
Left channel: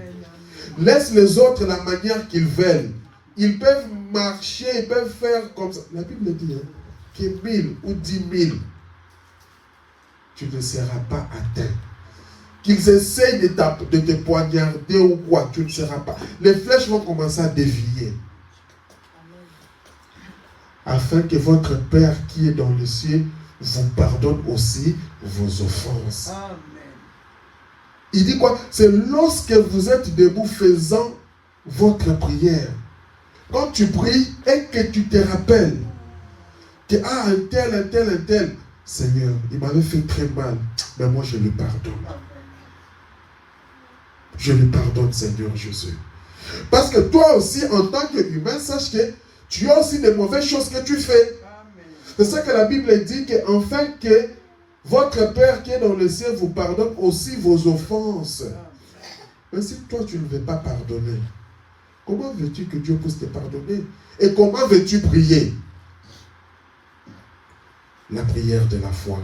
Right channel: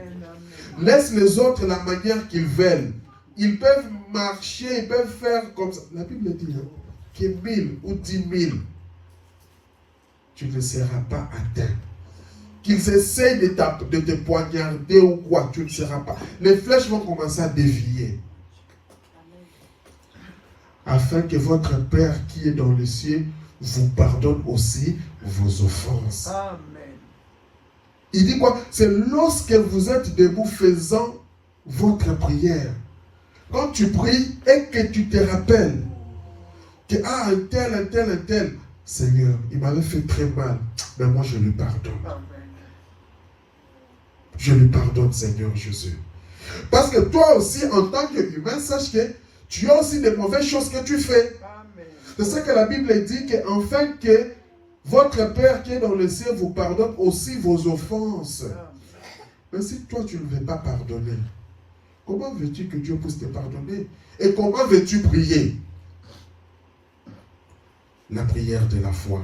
Laisse les autres la manière qu'ils veulent. Ils peuvent marcher, ils peuvent faire comme ça. La Bible dit que 1000 ou 10 000, tu ne seras pas atteint. Qu'ils essayent de te poignarder ou quoi, tu ne seras pas. Les flèches vont commencer à dévier. Afin que votre Père qui est dans le ciel vous pardonne aussi vos offenses. Amen. Il dit quoi? C'est lorsque vous êtes debout faisant votre prière. Quand tu pries et que tu te rappelles que un tel, Seigneur, il m'avait fait très mal, mais moi je lui pardonne. Je lui pardonne, Seigneur Jésus. Parce que toi aussi, en tant qu'humain, sache que tu as aussi des mauvaises choses que tu fais. C'est ça que la Bible dit, afin que votre Père qui est dans le ciel vous pardonne aussi vos offenses. Mais si toi tu ne veux pas pardonner, comment veux-tu que Dieu puisse te pardonner? Et comment veux-tu prier? La prière de la foi.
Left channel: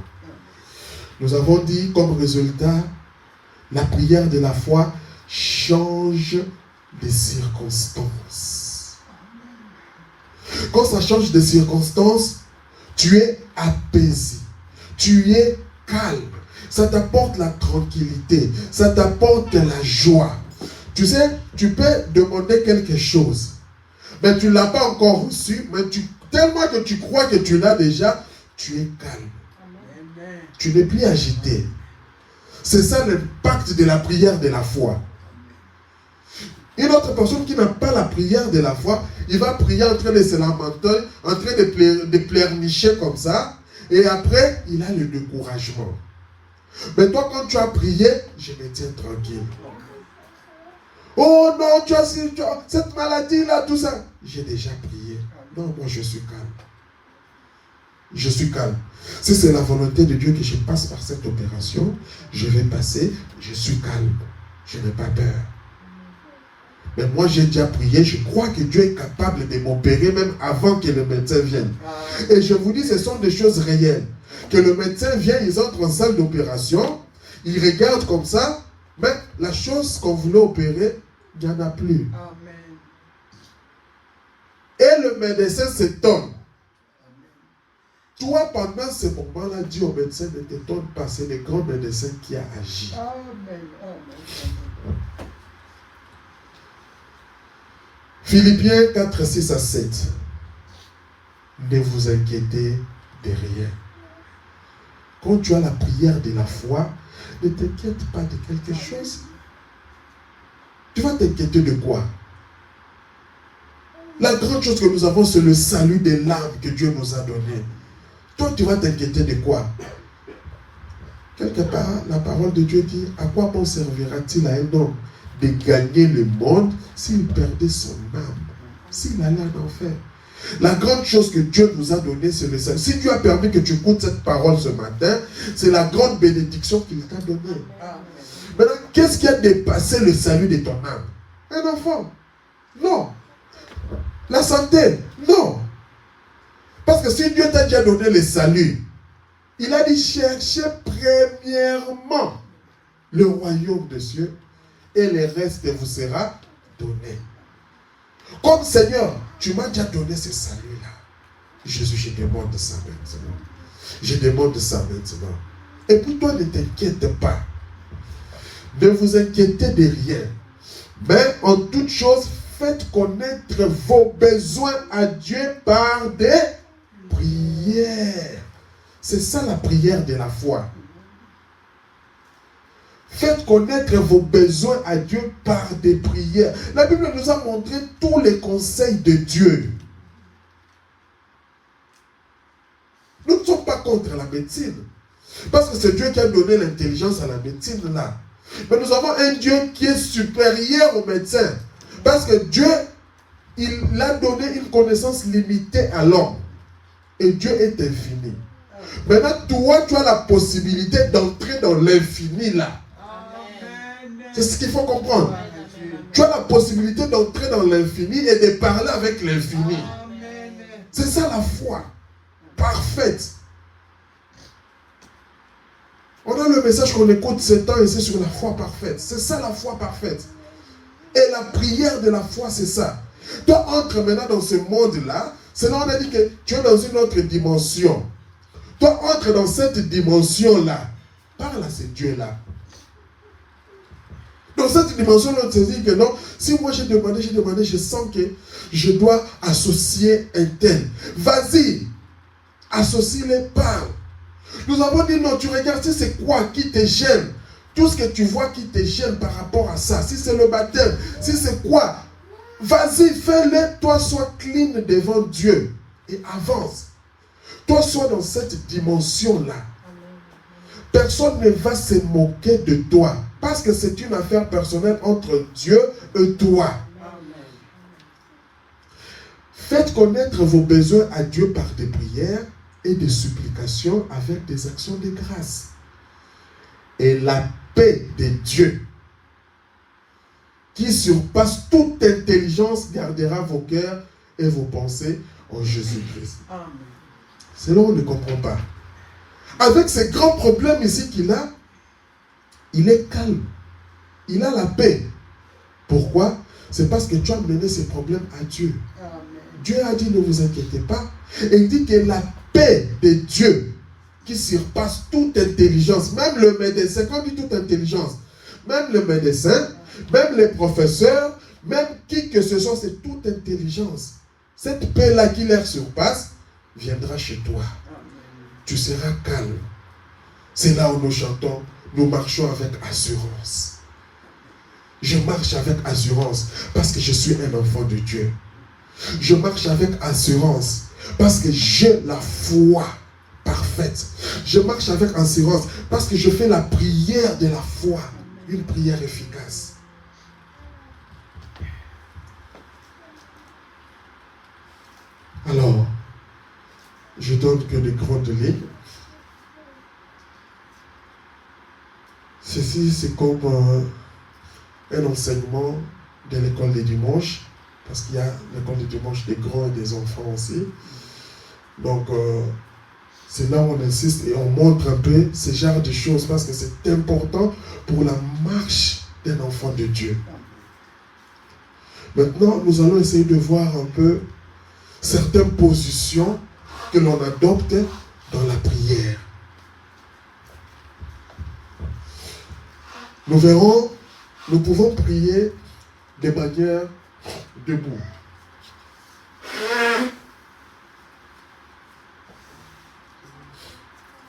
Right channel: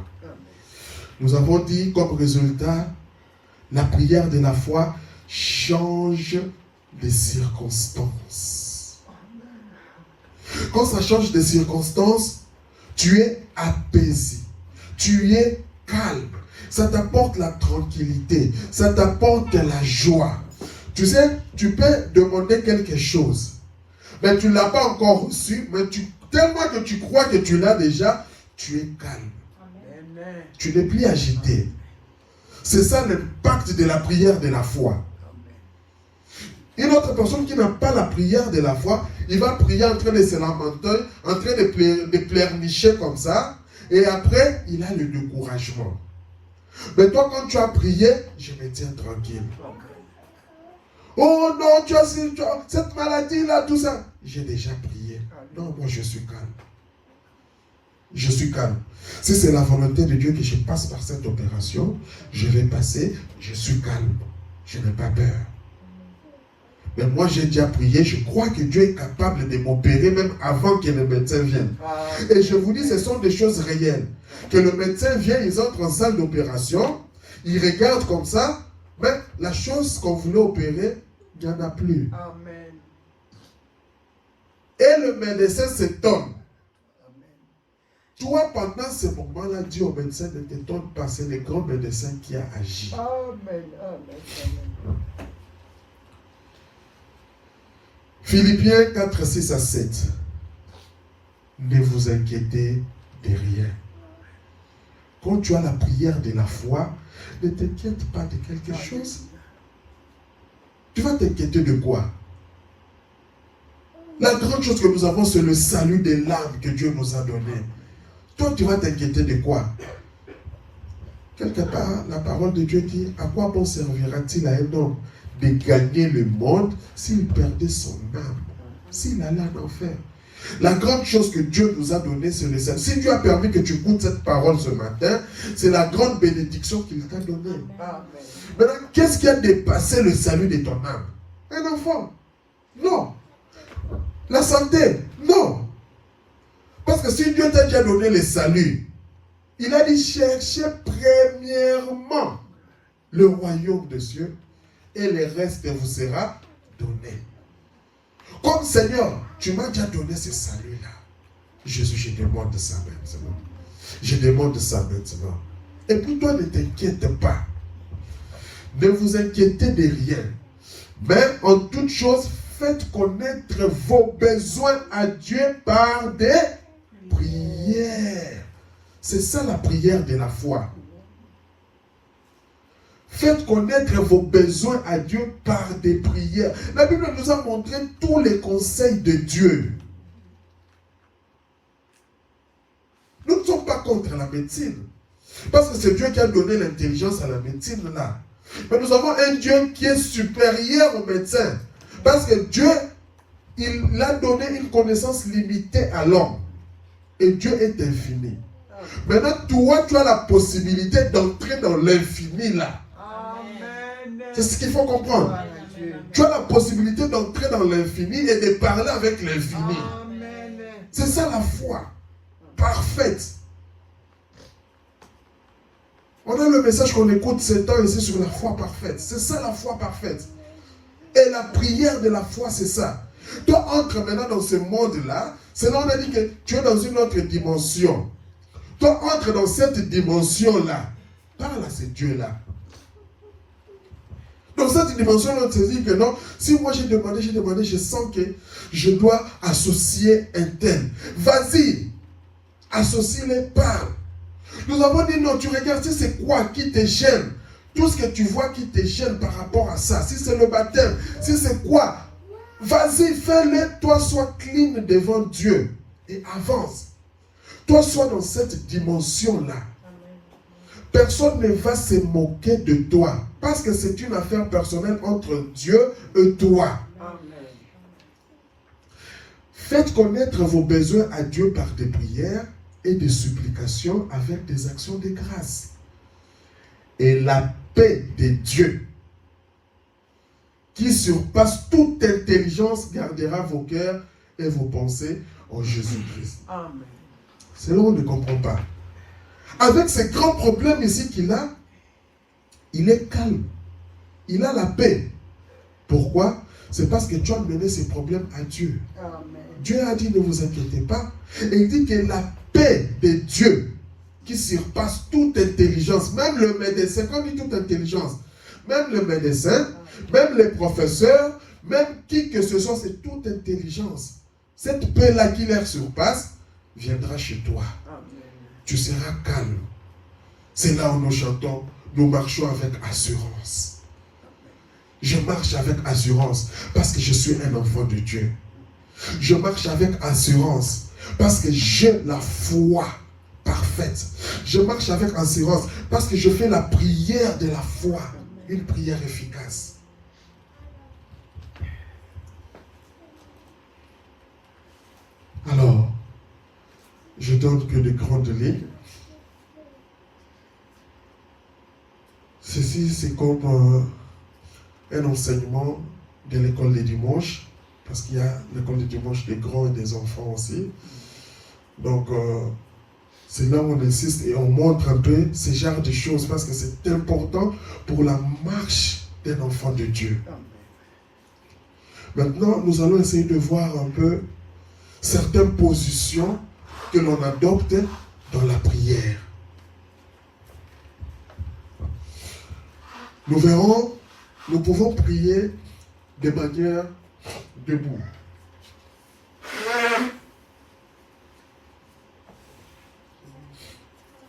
Nous avons dit comme résultat, la prière de la foi change les circonstances. Quand ça change de circonstances, tu es apaisé, tu es calme. Ça t'apporte la tranquillité, ça t'apporte la joie. Tu sais, tu peux demander quelque chose, mais tu ne l'as pas encore reçu, mais tellement que tu crois que tu l'as déjà, tu es calme. Amen. Tu n'es plus agité. C'est ça l'impact de la prière de la foi. Une autre personne qui n'a pas la prière de la foi, il va prier en train de se lamenter, en train de pleurnicher comme ça, et après, il a le découragement. Mais toi, quand tu as prié, je me tiens tranquille. Oh non, tu as cette maladie-là, tout ça. J'ai déjà prié. Non, moi je suis calme. Je suis calme. Si c'est la volonté de Dieu que je passe par cette opération, je vais passer, je suis calme. Je n'ai pas peur. Mais moi j'ai déjà prié, je crois que Dieu est capable de m'opérer même avant que le médecin vienne. Et je vous dis, ce sont des choses réelles. Que le médecin vienne, ils entrent en salle d'opération, ils regardent comme ça, mais la chose qu'on voulait opérer, il n'y en a plus. Amen. Et le médecin s'étonne. Toi, pendant ce moment-là, dis au médecin, ne t'étonne pas, c'est le grand médecin qui a agi. Amen. Philippiens 4, 6 à 7. Ne vous inquiétez de rien. Quand tu as la prière de la foi, ne t'inquiète pas de quelque chose. Tu vas t'inquiéter de quoi? La grande chose que nous avons, c'est le salut des l'âme que Dieu nous a donné. Toi, tu vas t'inquiéter de quoi? Quelque part, la parole de Dieu dit, à quoi bon servira-t-il à un homme de gagner le monde s'il perdait son âme, s'il allait en enfer? La grande chose que Dieu nous a donnée, c'est le salut. Si Dieu a permis que tu écoutes cette parole ce matin, c'est la grande bénédiction qu'il t'a donnée. Maintenant, qu'est-ce qui a dépassé le salut de ton âme? Un enfant? Non. la santé. Non. Parce que si Dieu t'a déjà donné le salut, il a dit cherchez premièrement le royaume de Dieu et le reste vous sera donné. Comme Seigneur, tu m'as déjà donné ce salut-là. Jésus, je demande ça maintenant. Je demande ça maintenant. Et puis toi, ne t'inquiète pas. Ne vous inquiétez de rien. Mais en toute chose, faites connaître vos besoins à Dieu par des prières. C'est ça la prière de la foi. Faites connaître vos besoins à Dieu par des prières. La Bible nous a montré tous les conseils de Dieu. Nous ne sommes pas contre la médecine. Parce que c'est Dieu qui a donné l'intelligence à la médecine là. Mais nous avons un Dieu qui est supérieur aux médecins. Parce que Dieu, il a donné une connaissance limitée à l'homme. Et Dieu est infini. Maintenant, toi, tu as la possibilité d'entrer dans l'infini là. C'est ce qu'il faut comprendre. Tu as la possibilité d'entrer dans l'infini et de parler avec l'infini. C'est ça la foi parfaite. On a le message qu'on écoute ces temps ici sur la foi parfaite. C'est ça la foi parfaite. Et la prière de la foi, c'est ça. Toi, entre maintenant dans ce monde-là. Sinon, on a dit que tu es dans une autre dimension. Toi, entre dans cette dimension-là. Parle à ce Dieu-là. Dans cette dimension, on te dit que non, si moi j'ai demandé, je sens que je dois associer un tel. Vas-y, associe-les, parle. Nous avons dit non, tu regardes, si c'est quoi qui te gêne, tout ce que tu vois qui te gêne par rapport à ça, si c'est le baptême, si c'est quoi, vas-y, fais-le, toi sois clean devant Dieu et avance. Toi sois dans cette dimension-là. Personne ne va se moquer de toi. Parce que c'est une affaire personnelle entre Dieu et toi. Amen. Faites connaître vos besoins à Dieu par des prières et des supplications avec des actions de grâce. Et la paix de Dieu, qui surpasse toute intelligence, gardera vos cœurs et vos pensées en Jésus-Christ. C'est là où on ne comprend pas. Avec ces grands problèmes ici qu'il a, il est calme. Il a la paix. Pourquoi? C'est parce que tu as mené ces problèmes à Dieu. Amen. Dieu a dit ne vous inquiétez pas. Et il dit que la paix de Dieu qui surpasse toute intelligence, même le médecin, quand on dit toute intelligence, même le médecin, même les professeurs, même qui que ce soit, c'est toute intelligence. Cette paix-là qui leur surpasse viendra chez toi. Amen. Tu seras calme. C'est là où nous chantons. Nous marchons avec assurance. Je marche avec assurance parce que je suis un enfant de Dieu. Je marche avec assurance parce que j'ai la foi parfaite. Je marche avec assurance parce que je fais la prière de la foi. Une prière efficace. Alors, je donne que de grandes lignes. Ceci, c'est comme un enseignement de l'école des dimanches, parce qu'il y a l'école des dimanches des grands et des enfants aussi. Donc, c'est là où on insiste et on montre un peu ce genre de choses, parce que c'est important pour la marche d'un enfant de Dieu. Maintenant, nous allons essayer de voir un peu certaines positions que l'on adopte dans la prière. Nous verrons, nous pouvons prier de manière debout.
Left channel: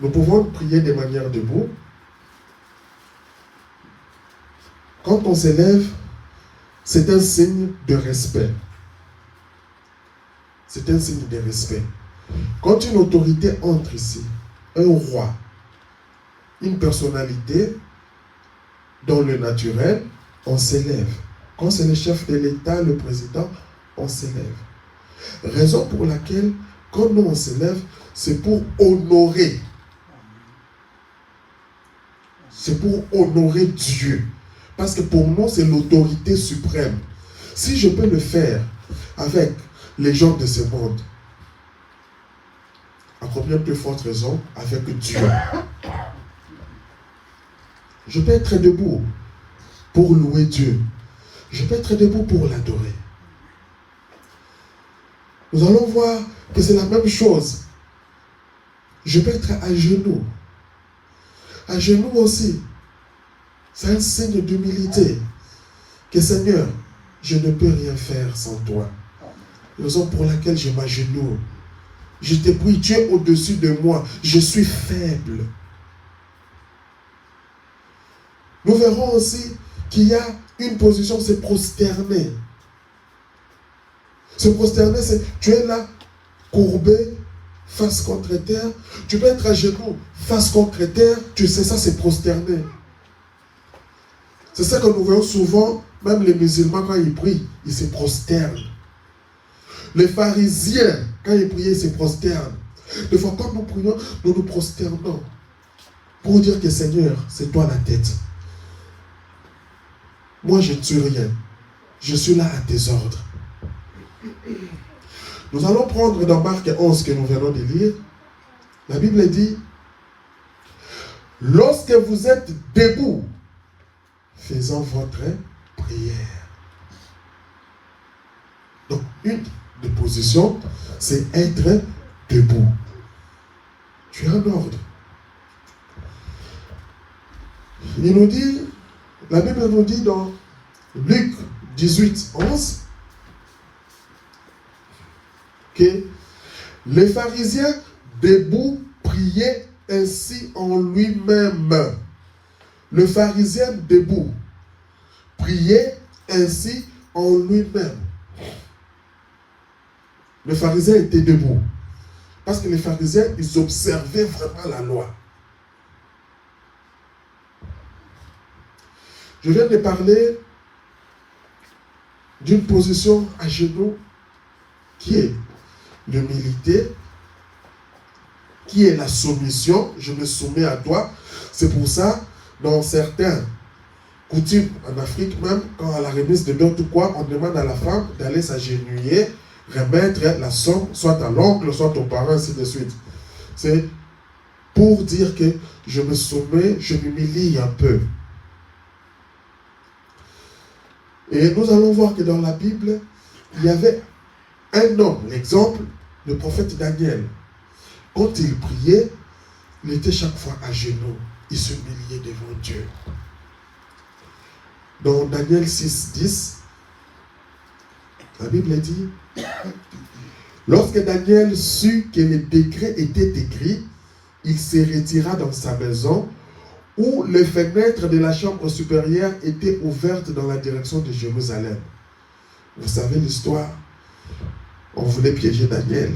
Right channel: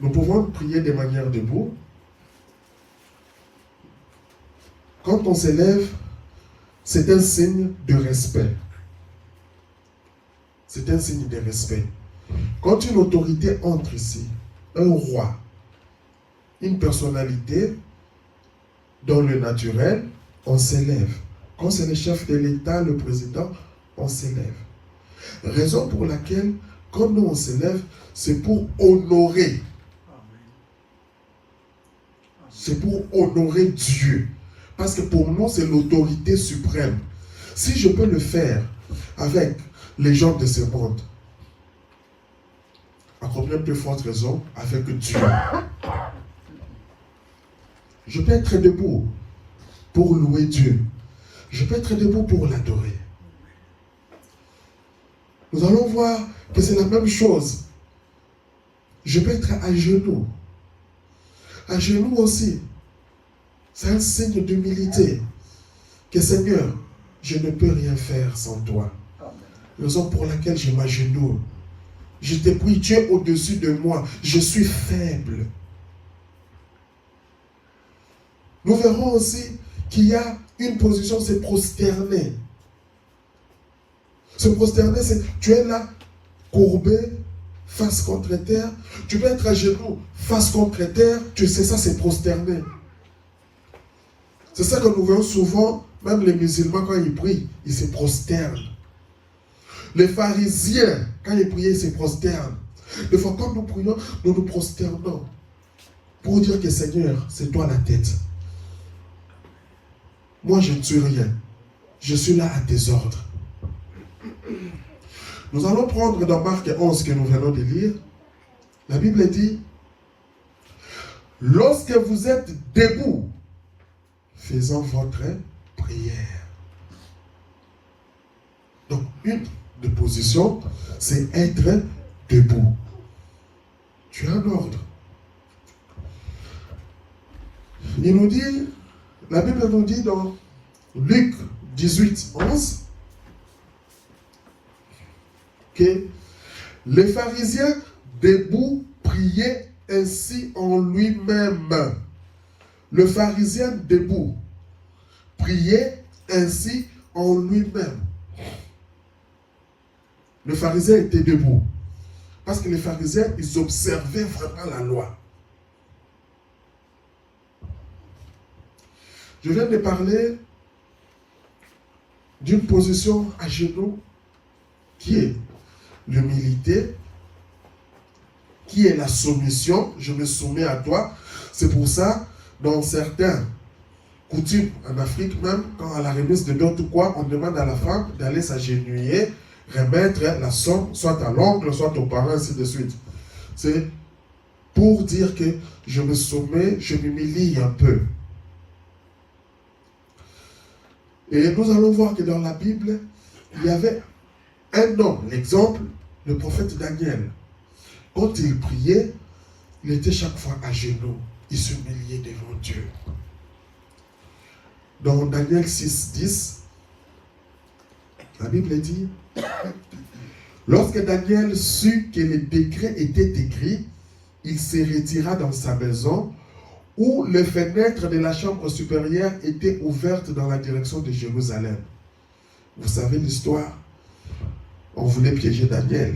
Nous pouvons prier de manière debout. Quand on s'élève, c'est un signe de respect. C'est un signe de respect. Quand une autorité entre ici, un roi, une personnalité, dans le naturel, on s'élève. Quand c'est le chef de l'État, le président, on s'élève. Raison pour laquelle, quand nous on s'élève, c'est pour honorer. C'est pour honorer Dieu. Parce que pour nous, c'est l'autorité suprême. Si je peux le faire avec les gens de ce monde. À combien plus forte raison avec Dieu. Je peux être debout pour louer Dieu. Je peux être debout pour l'adorer. Nous allons voir que c'est la même chose. Je peux être à genoux. À genoux aussi. C'est un signe d'humilité. Que Seigneur, je ne peux rien faire sans toi. Raison pour laquelle je m'agenouille. Je te prie, tu es au-dessus de moi. Je suis faible. Nous verrons aussi qu'il y a une position, c'est prosterner. Se prosterner, c'est tu es là, courbé, face contre terre. Tu peux être à genoux, face contre terre. Tu sais, ça c'est prosterner. C'est ça que nous voyons souvent, même les musulmans, quand ils prient, ils se prosternent. Les pharisiens, quand ils priaient, ils se prosternent. Des fois, quand nous prions, nous nous prosternons pour dire que Seigneur, c'est toi la tête. Moi, je ne suis rien. Je suis là à tes ordres. Nous allons prendre dans Marc 11 que nous venons de lire. La Bible dit, lorsque vous êtes debout, faisant votre prière. Donc, une des positions, c'est être debout. Tu es en ordre. Il nous dit, la Bible nous dit dans Luc 18, 11, que les pharisiens debout priaient ainsi en lui-même. Le pharisien debout priait ainsi en lui-même. Le pharisien était debout. Parce que les pharisiens, ils observaient vraiment la loi. Je viens de parler d'une position à genoux qui est l'humilité, qui est la soumission. Je me soumets à toi. C'est pour ça, dans certains coutumes en Afrique même, quand à la remise de dot ou quoi, on demande à la femme d'aller s'agenouiller, remettre la somme, soit à l'oncle, soit aux parents, ainsi de suite. C'est pour dire que je me soumets, je m'humilie un peu. Et nous allons voir que dans la Bible, il y avait un homme, l'exemple, le prophète Daniel. Quand il priait, il était chaque fois à genoux. Il s'humiliait devant Dieu. Dans Daniel 6, 10, la Bible dit, lorsque Daniel sut que le décret était écrit, il se retira dans sa maison, où les fenêtres de la chambre supérieure étaient ouvertes dans la direction de Jérusalem. Vous savez l'histoire. On voulait piéger Daniel.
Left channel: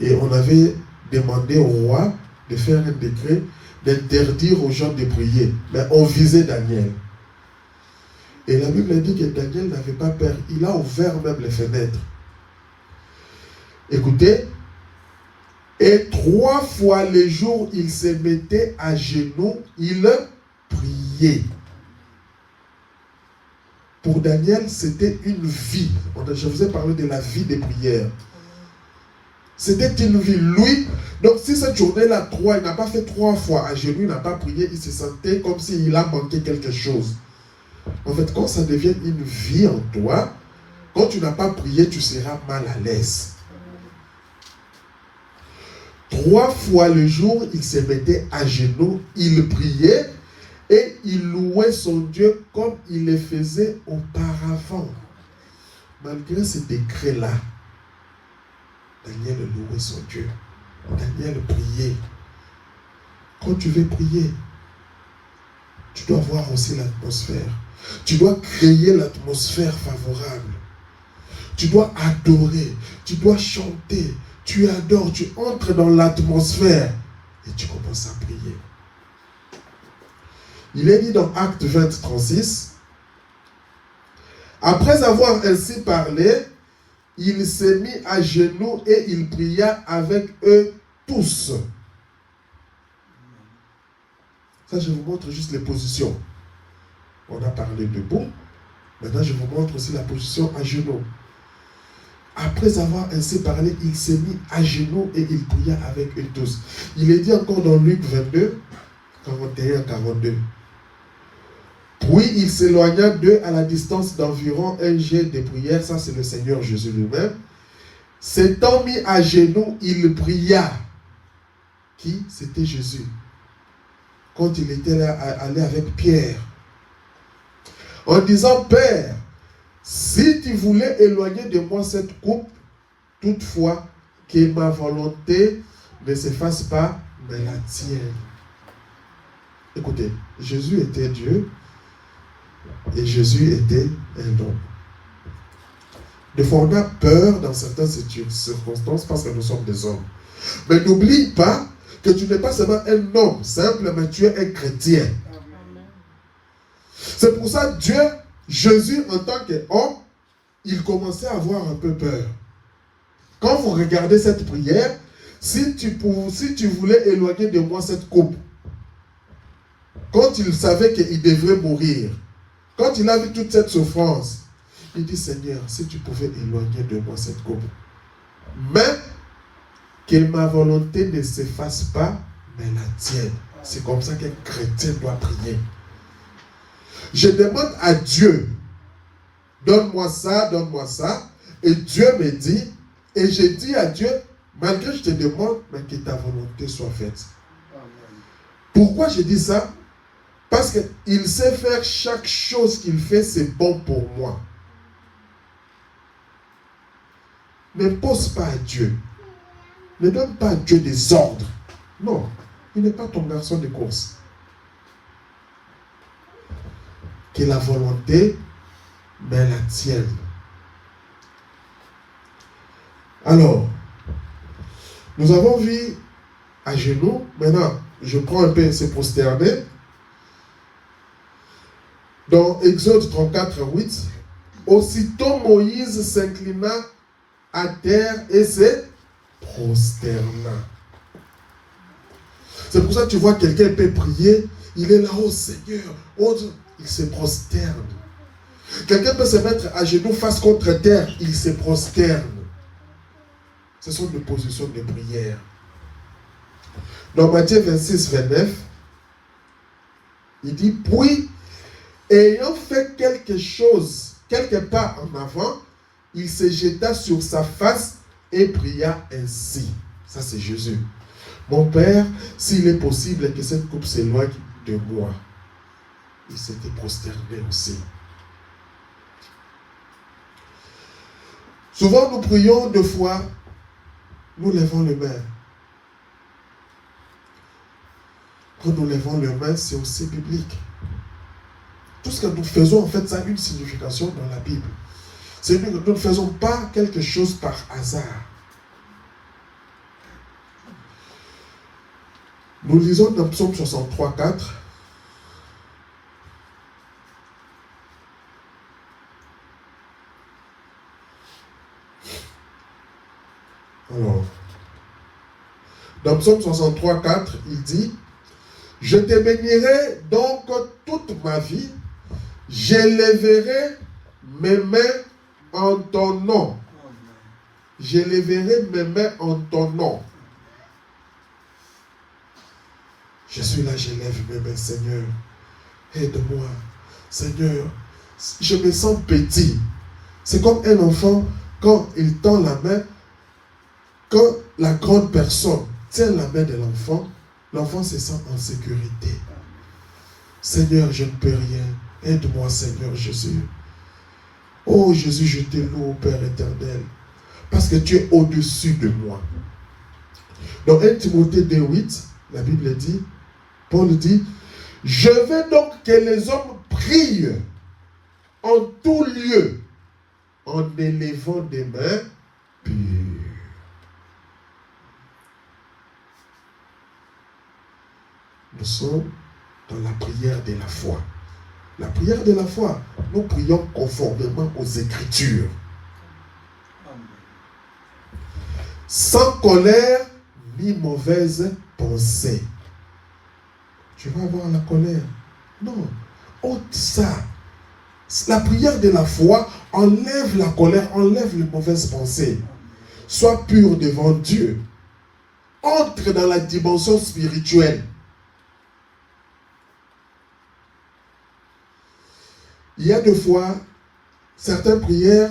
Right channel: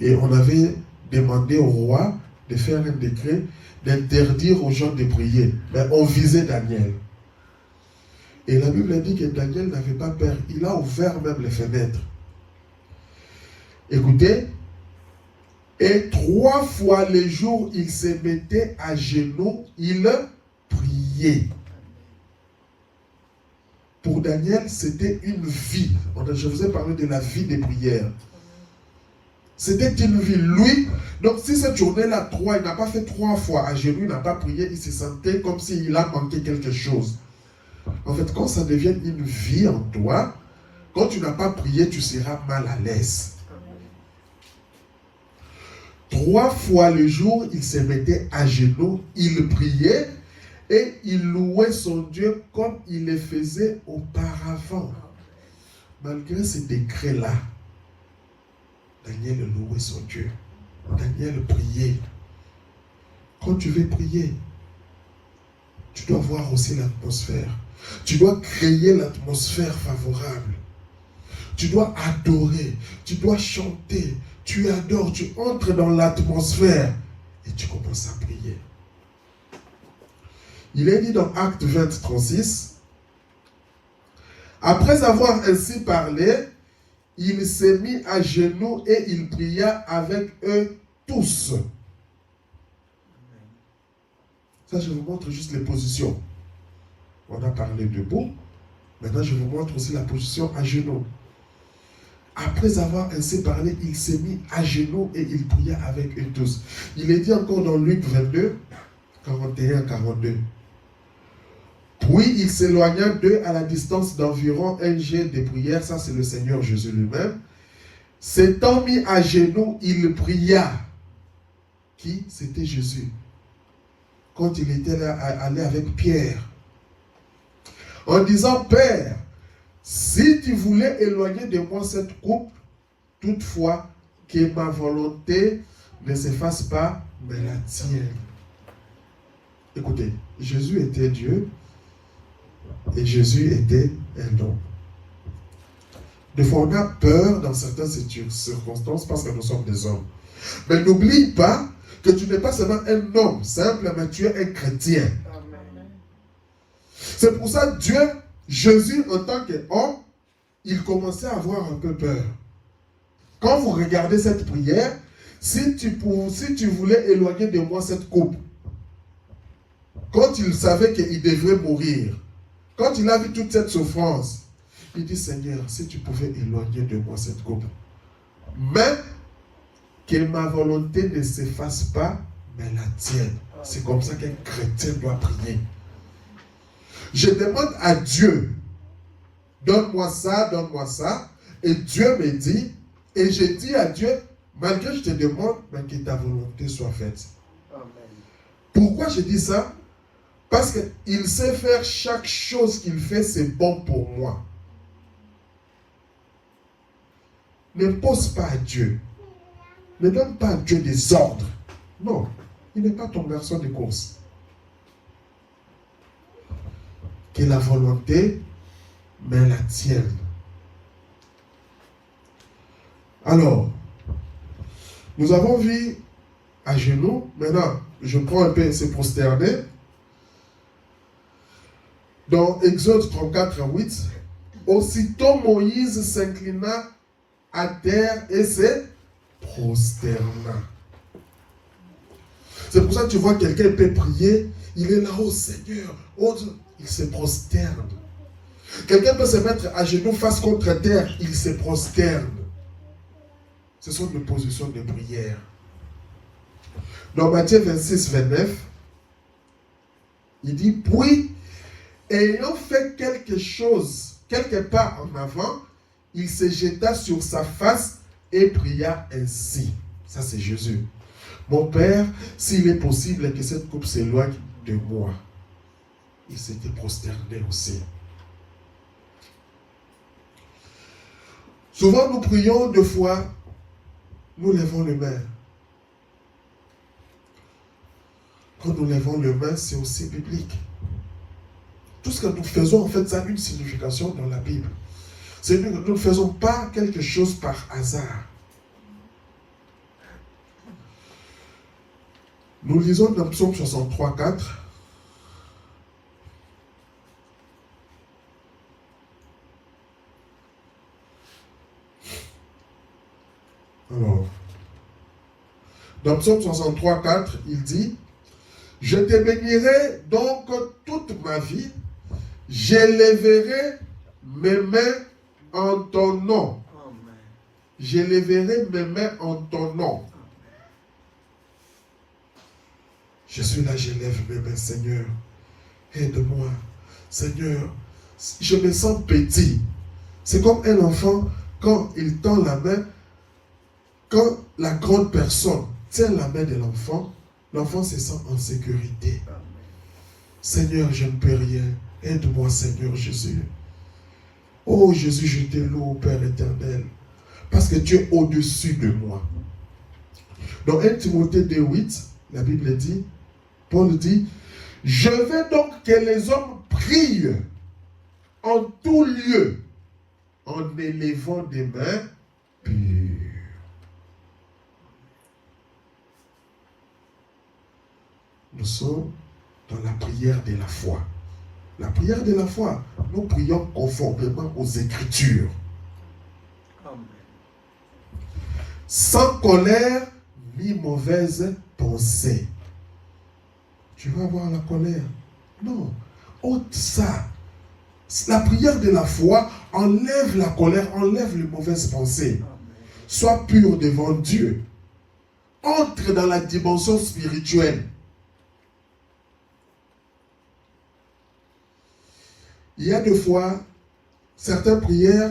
Et on avait demandé au roi de faire un décret d'interdire aux gens de prier. Mais on visait Daniel. Et la Bible dit que Daniel n'avait pas peur. Il a ouvert même les fenêtres. Écoutez. Et 3 fois les jours, il se mettait à genoux, il priait. Pour Daniel, c'était une vie. Je vous ai parlé de la vie des prières. C'était une vie. Lui, donc si cette journée-là, il n'a pas fait 3 fois à genoux, il n'a pas prié, il se sentait comme s'il a manqué quelque chose. En fait, quand ça devient une vie en toi, quand tu n'as pas prié, tu seras mal à l'aise. 3 fois le jour, il se mettait à genoux, il priait et il louait son Dieu comme il le faisait auparavant. Malgré ce décret-là, Daniel louait son Dieu. Daniel priait. Quand tu veux prier, tu dois voir aussi l'atmosphère. Tu dois créer l'atmosphère favorable. Tu dois adorer. Tu dois chanter. Tu adores, tu entres dans l'atmosphère et tu commences à prier. Il est dit dans Acte 20, 36, après avoir ainsi parlé, il s'est mis à genoux et il pria avec eux tous. Ça, je vous montre juste les positions. On a parlé debout. Maintenant, je vous montre aussi la position à genoux. Après avoir ainsi parlé, il s'est mis à genoux et il pria avec eux tous. Il est dit encore dans Luc 22, 41-42. Puis il s'éloigna d'eux à la distance d'environ un jet de prière. Ça, c'est le Seigneur Jésus lui-même. S'étant mis à genoux, il pria. Qui? C'était Jésus. Quand il était là, allé avec Pierre. En disant, Père, si tu voulais éloigner de moi cette coupe, toutefois, que ma volonté ne se fasse pas, mais la tienne. Écoutez, Jésus était Dieu et Jésus était un homme. Des fois, on a peur dans certaines circonstances parce que nous sommes des hommes. Mais n'oublie pas que tu n'es pas seulement un homme simple, mais tu es un chrétien. C'est pour ça que Dieu, Jésus, en tant qu'homme, il commençait à avoir un peu peur. Quand vous regardez cette prière, si tu voulais éloigner de moi cette coupe, quand il savait qu'il devrait mourir, quand il a vu toute cette souffrance, il dit, Seigneur, si tu pouvais éloigner de moi cette coupe, mais que ma volonté ne se fasse pas, mais la tienne. C'est comme ça qu'un chrétien doit prier. Je demande à Dieu, donne-moi ça, et Dieu me dit, et je dis à Dieu, malgré que je te demande, mais que ta volonté soit faite. Pourquoi je dis ça? Parce qu'il sait faire chaque chose qu'il fait, c'est bon pour moi. Ne pose pas à Dieu. Ne donne pas à Dieu des ordres. Non, il n'est pas ton garçon de course. Que la volonté, mais la tienne. Alors, nous avons vu à genoux. Maintenant, je prends un peu ces prosternés. Dans Exode 34:8, aussitôt Moïse s'inclina à terre et se prosterna. C'est pour ça que tu vois quelqu'un peut prier, il est là, oh Seigneur, oh, il se prosterne. Quelqu'un peut se mettre à genoux face contre terre, il se prosterne. Ce sont des positions de prière. Dans Matthieu 26:29, il dit, puis, ayant fait quelque chose, quelque part en avant, il se jeta sur sa face et pria ainsi. Ça, c'est Jésus. Mon Père, s'il est possible que cette coupe s'éloigne de moi. Il s'était prosterné aussi. Souvent, nous prions deux fois, nous levons les mains. Quand nous levons les mains, c'est aussi biblique. Tout ce que nous faisons, en fait, ça a une signification dans la Bible. C'est que nous ne faisons pas quelque chose par hasard. Nous lisons dans Psaume 63:4. Alors, dans Psaume 63:4, il dit, je te bénirai donc toute ma vie, j'élèverai mes mains en ton nom. J'élèverai mes mains en ton nom. Je suis là, j'élève mes mains, Seigneur. Aide-moi. Seigneur, je me sens petit. C'est comme un enfant, quand il tend la main, quand la grande personne tient la main de l'enfant, l'enfant se sent en sécurité. Seigneur, je ne peux rien. Aide-moi, Seigneur Jésus. Oh Jésus, je te loue, Père éternel, parce que tu es au-dessus de moi. Dans 1 Timothée 2:8, la Bible dit, Paul dit, je veux donc que les hommes prient en tout lieu, en élevant des mains pures. Nous sommes dans la prière de la foi. La prière de la foi, nous prions conformément aux Écritures. Sans colère ni mauvaise pensée. Tu vas avoir la colère. Non, ôte ça. La prière de la foi enlève la colère, enlève les mauvaises pensées. Sois pur devant Dieu. Entre dans la dimension spirituelle. Il y a des fois, certaines prières,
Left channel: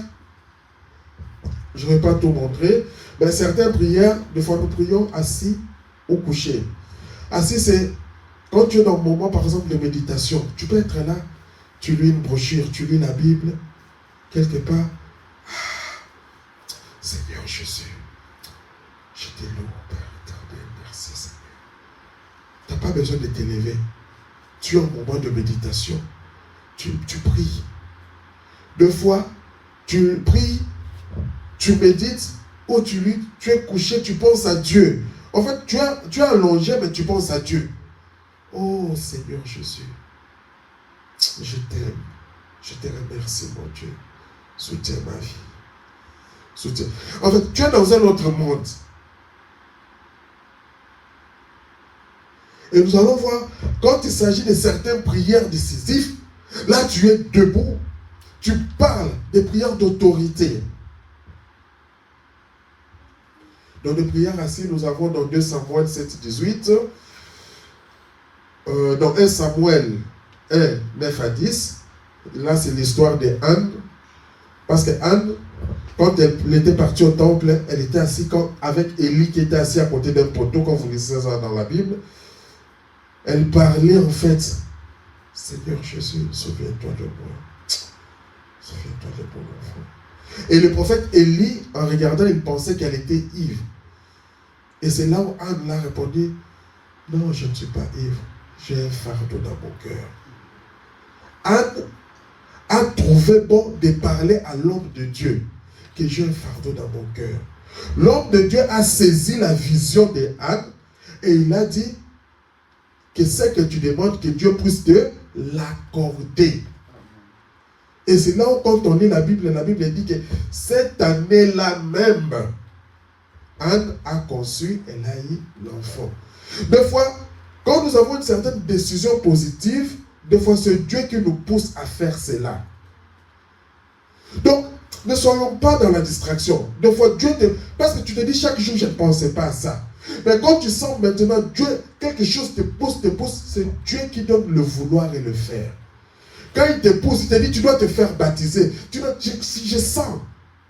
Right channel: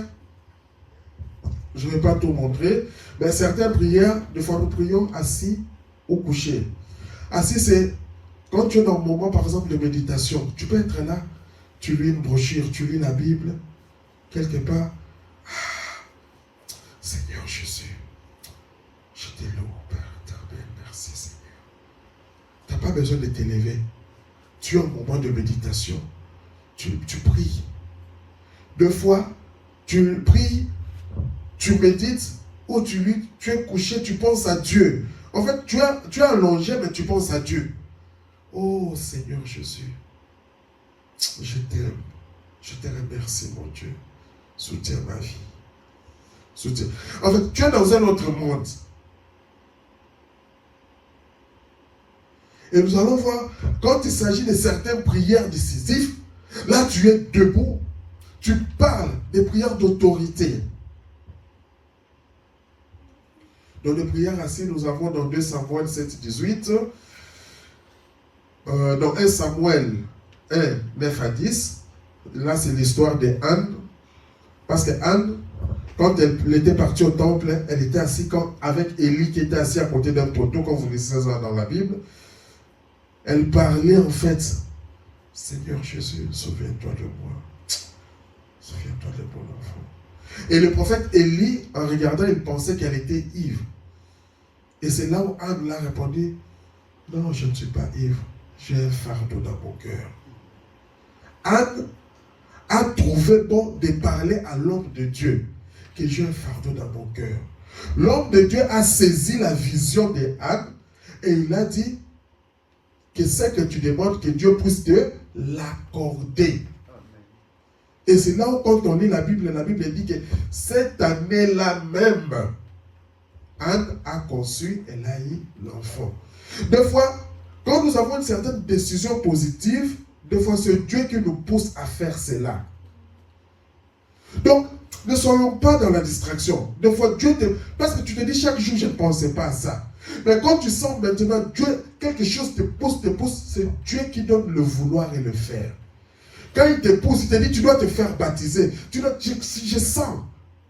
je ne vais pas tout montrer, mais certaines prières, des fois nous prions assis ou couché. Assis, c'est quand tu es dans un moment, par exemple, de méditation. Tu peux être là, tu lis une brochure, tu lis la Bible, quelque part. Ah, Seigneur Jésus, je te loue, Père éternel, merci Seigneur. Tu n'as pas besoin de t'élever. Tu es en moment de méditation. Tu pries. Deux fois, tu pries, tu médites, ou tu lis, tu es couché, tu penses à Dieu. En fait, tu es allongé, mais tu penses à Dieu. Oh Seigneur Jésus, je t'aime. Je te remercie, mon Dieu. Soutiens ma vie. Soutiens. En fait, tu es dans un autre monde. Et nous allons voir, quand il s'agit de certaines prières décisives, là tu es debout. Tu parles des prières d'autorité. Dans les prières assis, nous avons dans 2 Samuel 7, 18, dans 1 Samuel 1, 9 à 10, là c'est l'histoire de Anne, parce que Anne, quand elle était partie au temple, elle était assise avec Élie qui était assis à côté d'un poteau, comme vous lisez ça dans la Bible. Elle parlait en fait, Seigneur Jésus, souviens-toi de moi. Souviens-toi de mon enfant. Et le prophète Élie, en regardant, il pensait qu'elle était ivre. Et c'est là où Anne l'a répondu, non, je ne suis pas ivre, j'ai un fardeau dans mon cœur. Anne a trouvé bon de parler à l'homme de Dieu, que j'ai un fardeau dans mon cœur. L'homme de Dieu a saisi la vision de Anne et il a dit que c'est que tu demandes que Dieu puisse te l'accorder. Et c'est là où quand on lit la Bible dit que cette année-là même, Anne a conçu, elle a eu l'enfant. Des fois, quand nous avons une certaine décision positive, des fois c'est Dieu qui nous pousse à faire cela. Donc, ne soyons pas dans la distraction. Des fois, Dieu te... Parce que tu te dis chaque jour, je ne pensais pas à ça. Mais quand tu sens maintenant, Dieu, quelque chose te pousse, c'est Dieu qui donne le vouloir et le faire. Quand il te pousse, il te dit, tu dois te faire baptiser. Si je sens,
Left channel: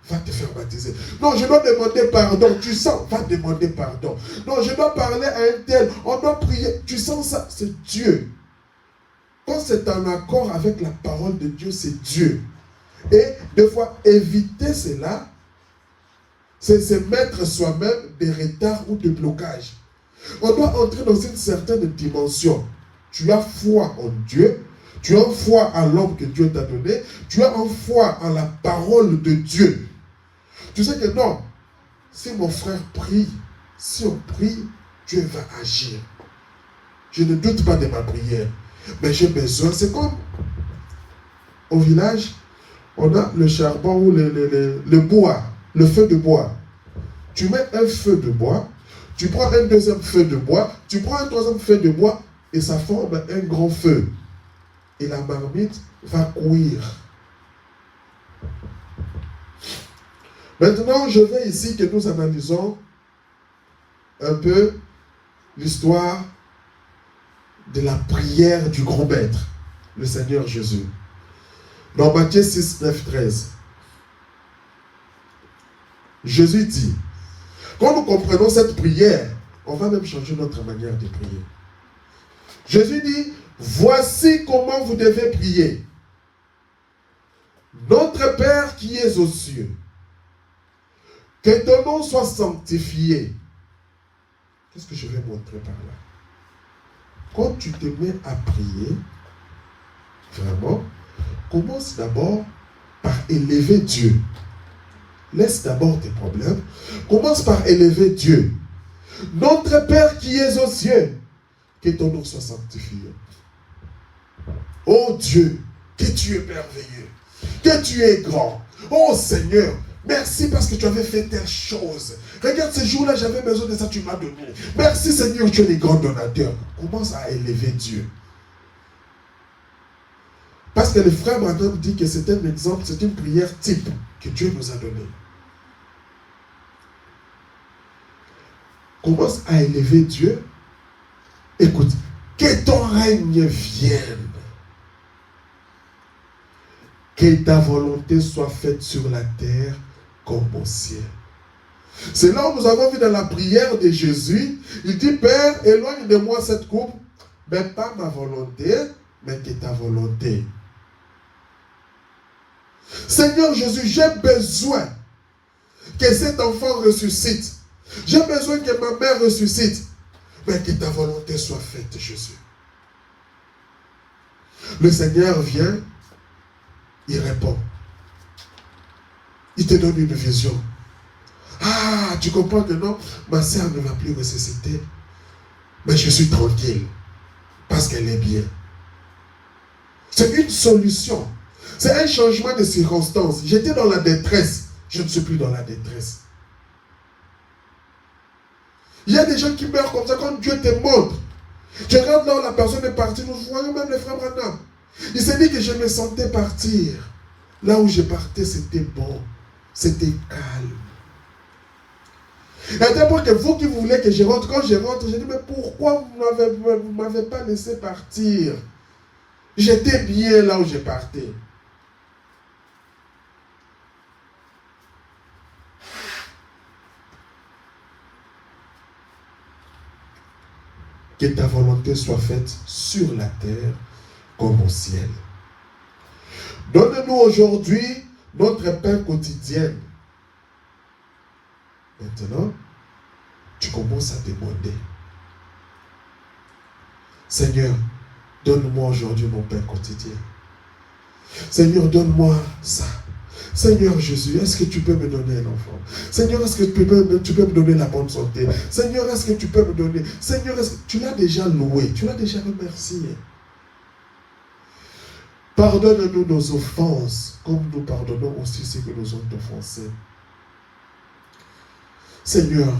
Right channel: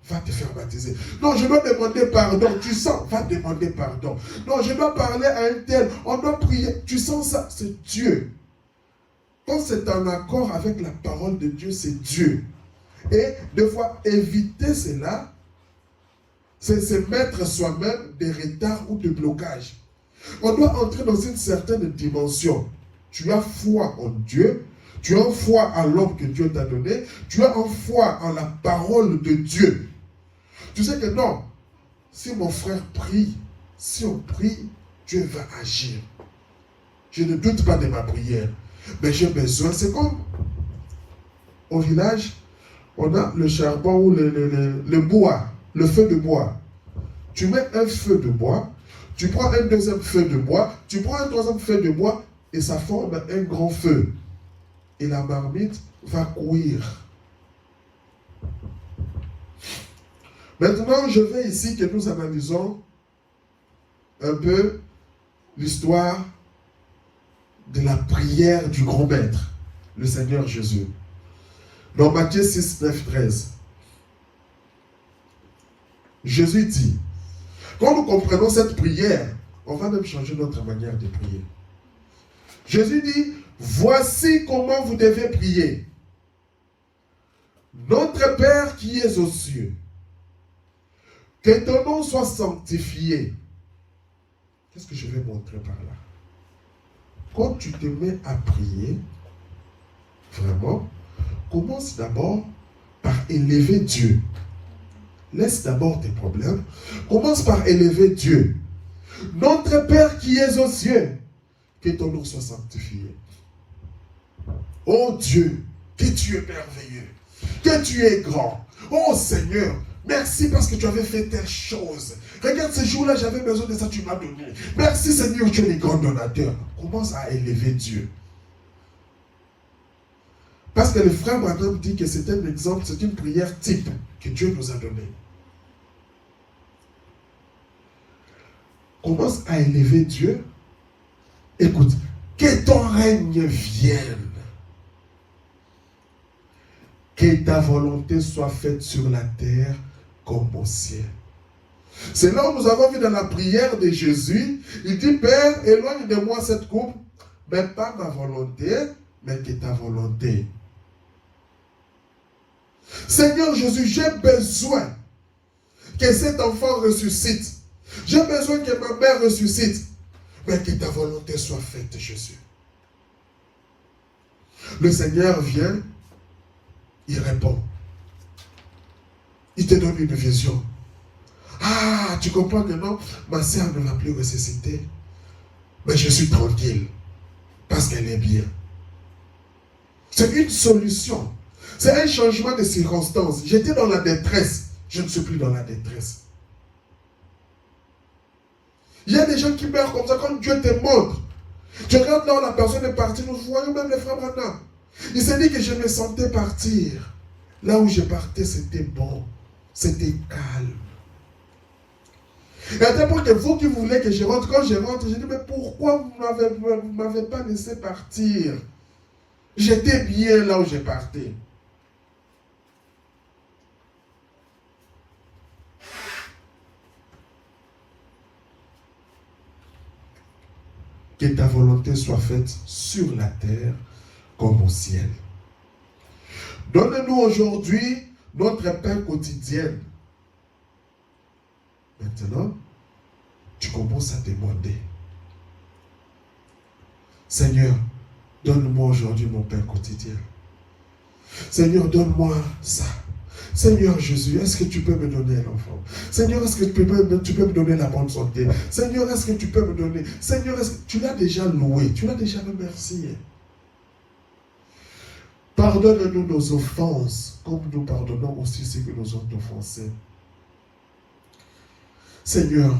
va te faire baptiser. Non, je dois demander pardon. Tu sens, va demander pardon. Non, je dois parler à un tel. On doit prier. Tu sens ça, c'est Dieu. Quand c'est en accord avec la parole de Dieu, c'est Dieu. Et des fois, éviter cela, c'est se mettre soi-même des retards ou des blocages. On doit entrer dans une certaine dimension. Tu as foi en Dieu. Tu as foi à l'homme que Dieu t'a donné. Tu as foi en la parole de Dieu. Tu sais que non, si mon frère prie, si on prie, Dieu va agir. Je ne doute pas de ma prière. Mais j'ai besoin, c'est comme au village, on a le charbon ou le bois, le feu de bois. Tu mets un feu de bois, tu prends un deuxième feu de bois, tu prends un troisième feu de bois et ça forme un grand feu. Et la marmite va cuire. Maintenant, je veux ici que nous analysons un peu l'histoire de la prière du grand maître, le Seigneur Jésus. Dans Matthieu 6, 9, 13. Jésus dit, quand nous comprenons cette prière, on va même changer notre manière de prier. Jésus dit, voici comment vous devez prier. Notre Père qui es aux cieux, que ton nom soit sanctifié. Qu'est-ce que je vais montrer par là? Quand tu te mets à prier, vraiment, commence d'abord par élever Dieu. Laisse d'abord tes problèmes. Commence par élever Dieu. Notre Père qui es aux cieux, que ton nom soit sanctifié. Oh Dieu, que tu es merveilleux, que tu es grand. Oh Seigneur, merci parce que tu avais fait telle chose. Regarde, ce jour-là, j'avais besoin de ça, tu m'as donné. Merci Seigneur, tu es le grand donateur. Commence à élever Dieu. Parce que le frère Branham dit que c'est un exemple, c'est une prière type que Dieu nous a donnée. Commence à élever Dieu. Écoute, que ton règne vienne. Que ta volonté soit faite sur la terre comme au ciel. C'est là où nous avons vu dans la prière de Jésus, il dit, Père, éloigne de moi cette coupe, mais pas ma volonté, mais que ta volonté. Seigneur Jésus, j'ai besoin que cet enfant ressuscite. J'ai besoin que ma mère ressuscite. Mais que ta volonté soit faite, Jésus. Le Seigneur vient, il répond. Il te donne une vision. Ah, tu comprends que non, ma sœur ne va plus ressusciter. Mais je suis tranquille. Parce qu'elle est bien. C'est une solution. C'est un changement de circonstance. J'étais dans la détresse. Je ne suis plus dans la détresse. Il y a des gens qui meurent comme ça quand Dieu te montre. Tu regardes là où la personne est partie. Nous voyons même les frères Branham. Il s'est dit que je me sentais partir. Là où je partais, c'était bon. C'était calme. Et à tel point que vous qui voulez que je rentre, quand je rentre, je dis, mais pourquoi vous ne m'avez pas laissé partir? J'étais bien là où je partais. Que ta volonté soit faite sur la terre comme au ciel. Donne-nous aujourd'hui notre pain quotidien. Maintenant, tu commences à demander. Seigneur, donne-moi aujourd'hui mon pain quotidien. Seigneur, donne-moi ça. Seigneur Jésus, est-ce que tu peux me donner un enfant? Seigneur, est-ce que tu peux me donner la bonne santé? Seigneur, est-ce que tu peux me donner? Seigneur, est-ce que tu l'as déjà loué? Tu l'as déjà remercié? Pardonne-nous nos offenses, comme nous pardonnons aussi ceux qui nous ont offensés. Seigneur,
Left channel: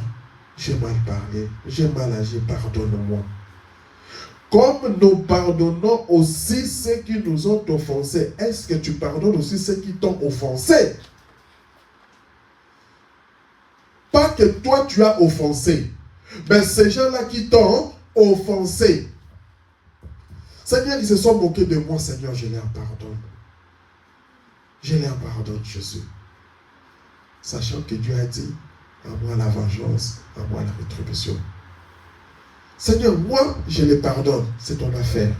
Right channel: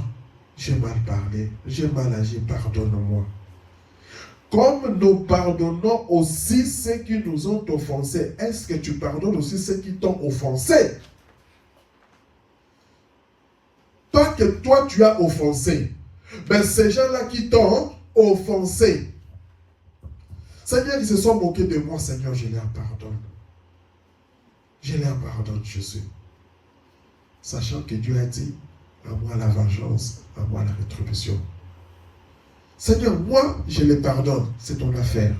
j'ai mal parlé, j'ai mal agi, pardonne-moi. Comme nous pardonnons aussi ceux qui nous ont offensés, est-ce que tu pardonnes aussi ceux qui t'ont offensé? Pas que toi tu as offensé, mais ces gens-là qui t'ont offensé. Seigneur, ils se sont moqués de moi, Seigneur, je leur pardonne. Je leur pardonne, Jésus. Sachant que Dieu a dit, à moi la vengeance, à moi la rétribution. Seigneur, moi, je les pardonne. C'est ton affaire.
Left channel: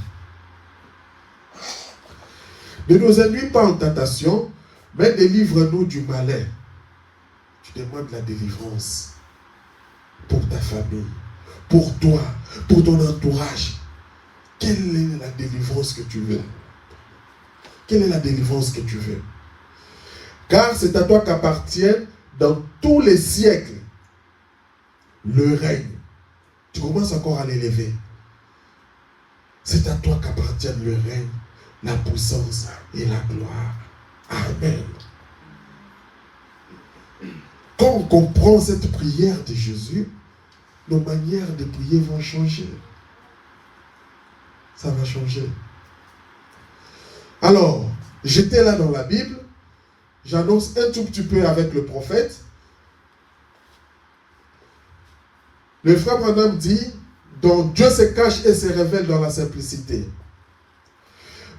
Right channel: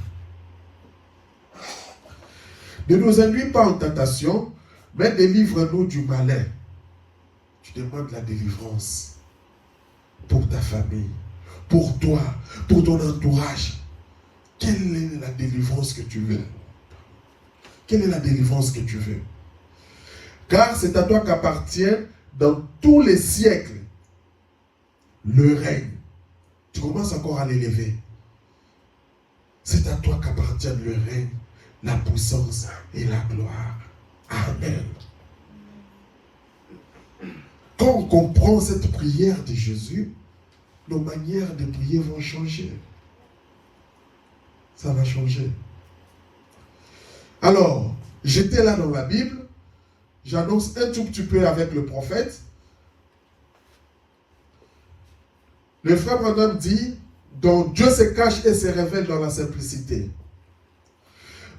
Ne nous induis pas en tentation, mais délivre-nous du malin. Tu demandes la délivrance pour ta famille, pour toi, pour ton entourage. Quelle est la délivrance que tu veux? Quelle est la délivrance que tu veux? Car c'est à toi qu'appartient dans tous les siècles le règne. Tu commences encore à l'élever. C'est à toi qu'appartient le règne, la puissance et la gloire. Amen. Quand on comprend cette prière de Jésus, nos manières de prier vont changer. Ça va changer. Alors, j'étais là dans la Bible. J'annonce un tout petit peu avec le prophète. Le frère Branham dit, donc Dieu se cache et se révèle dans la simplicité.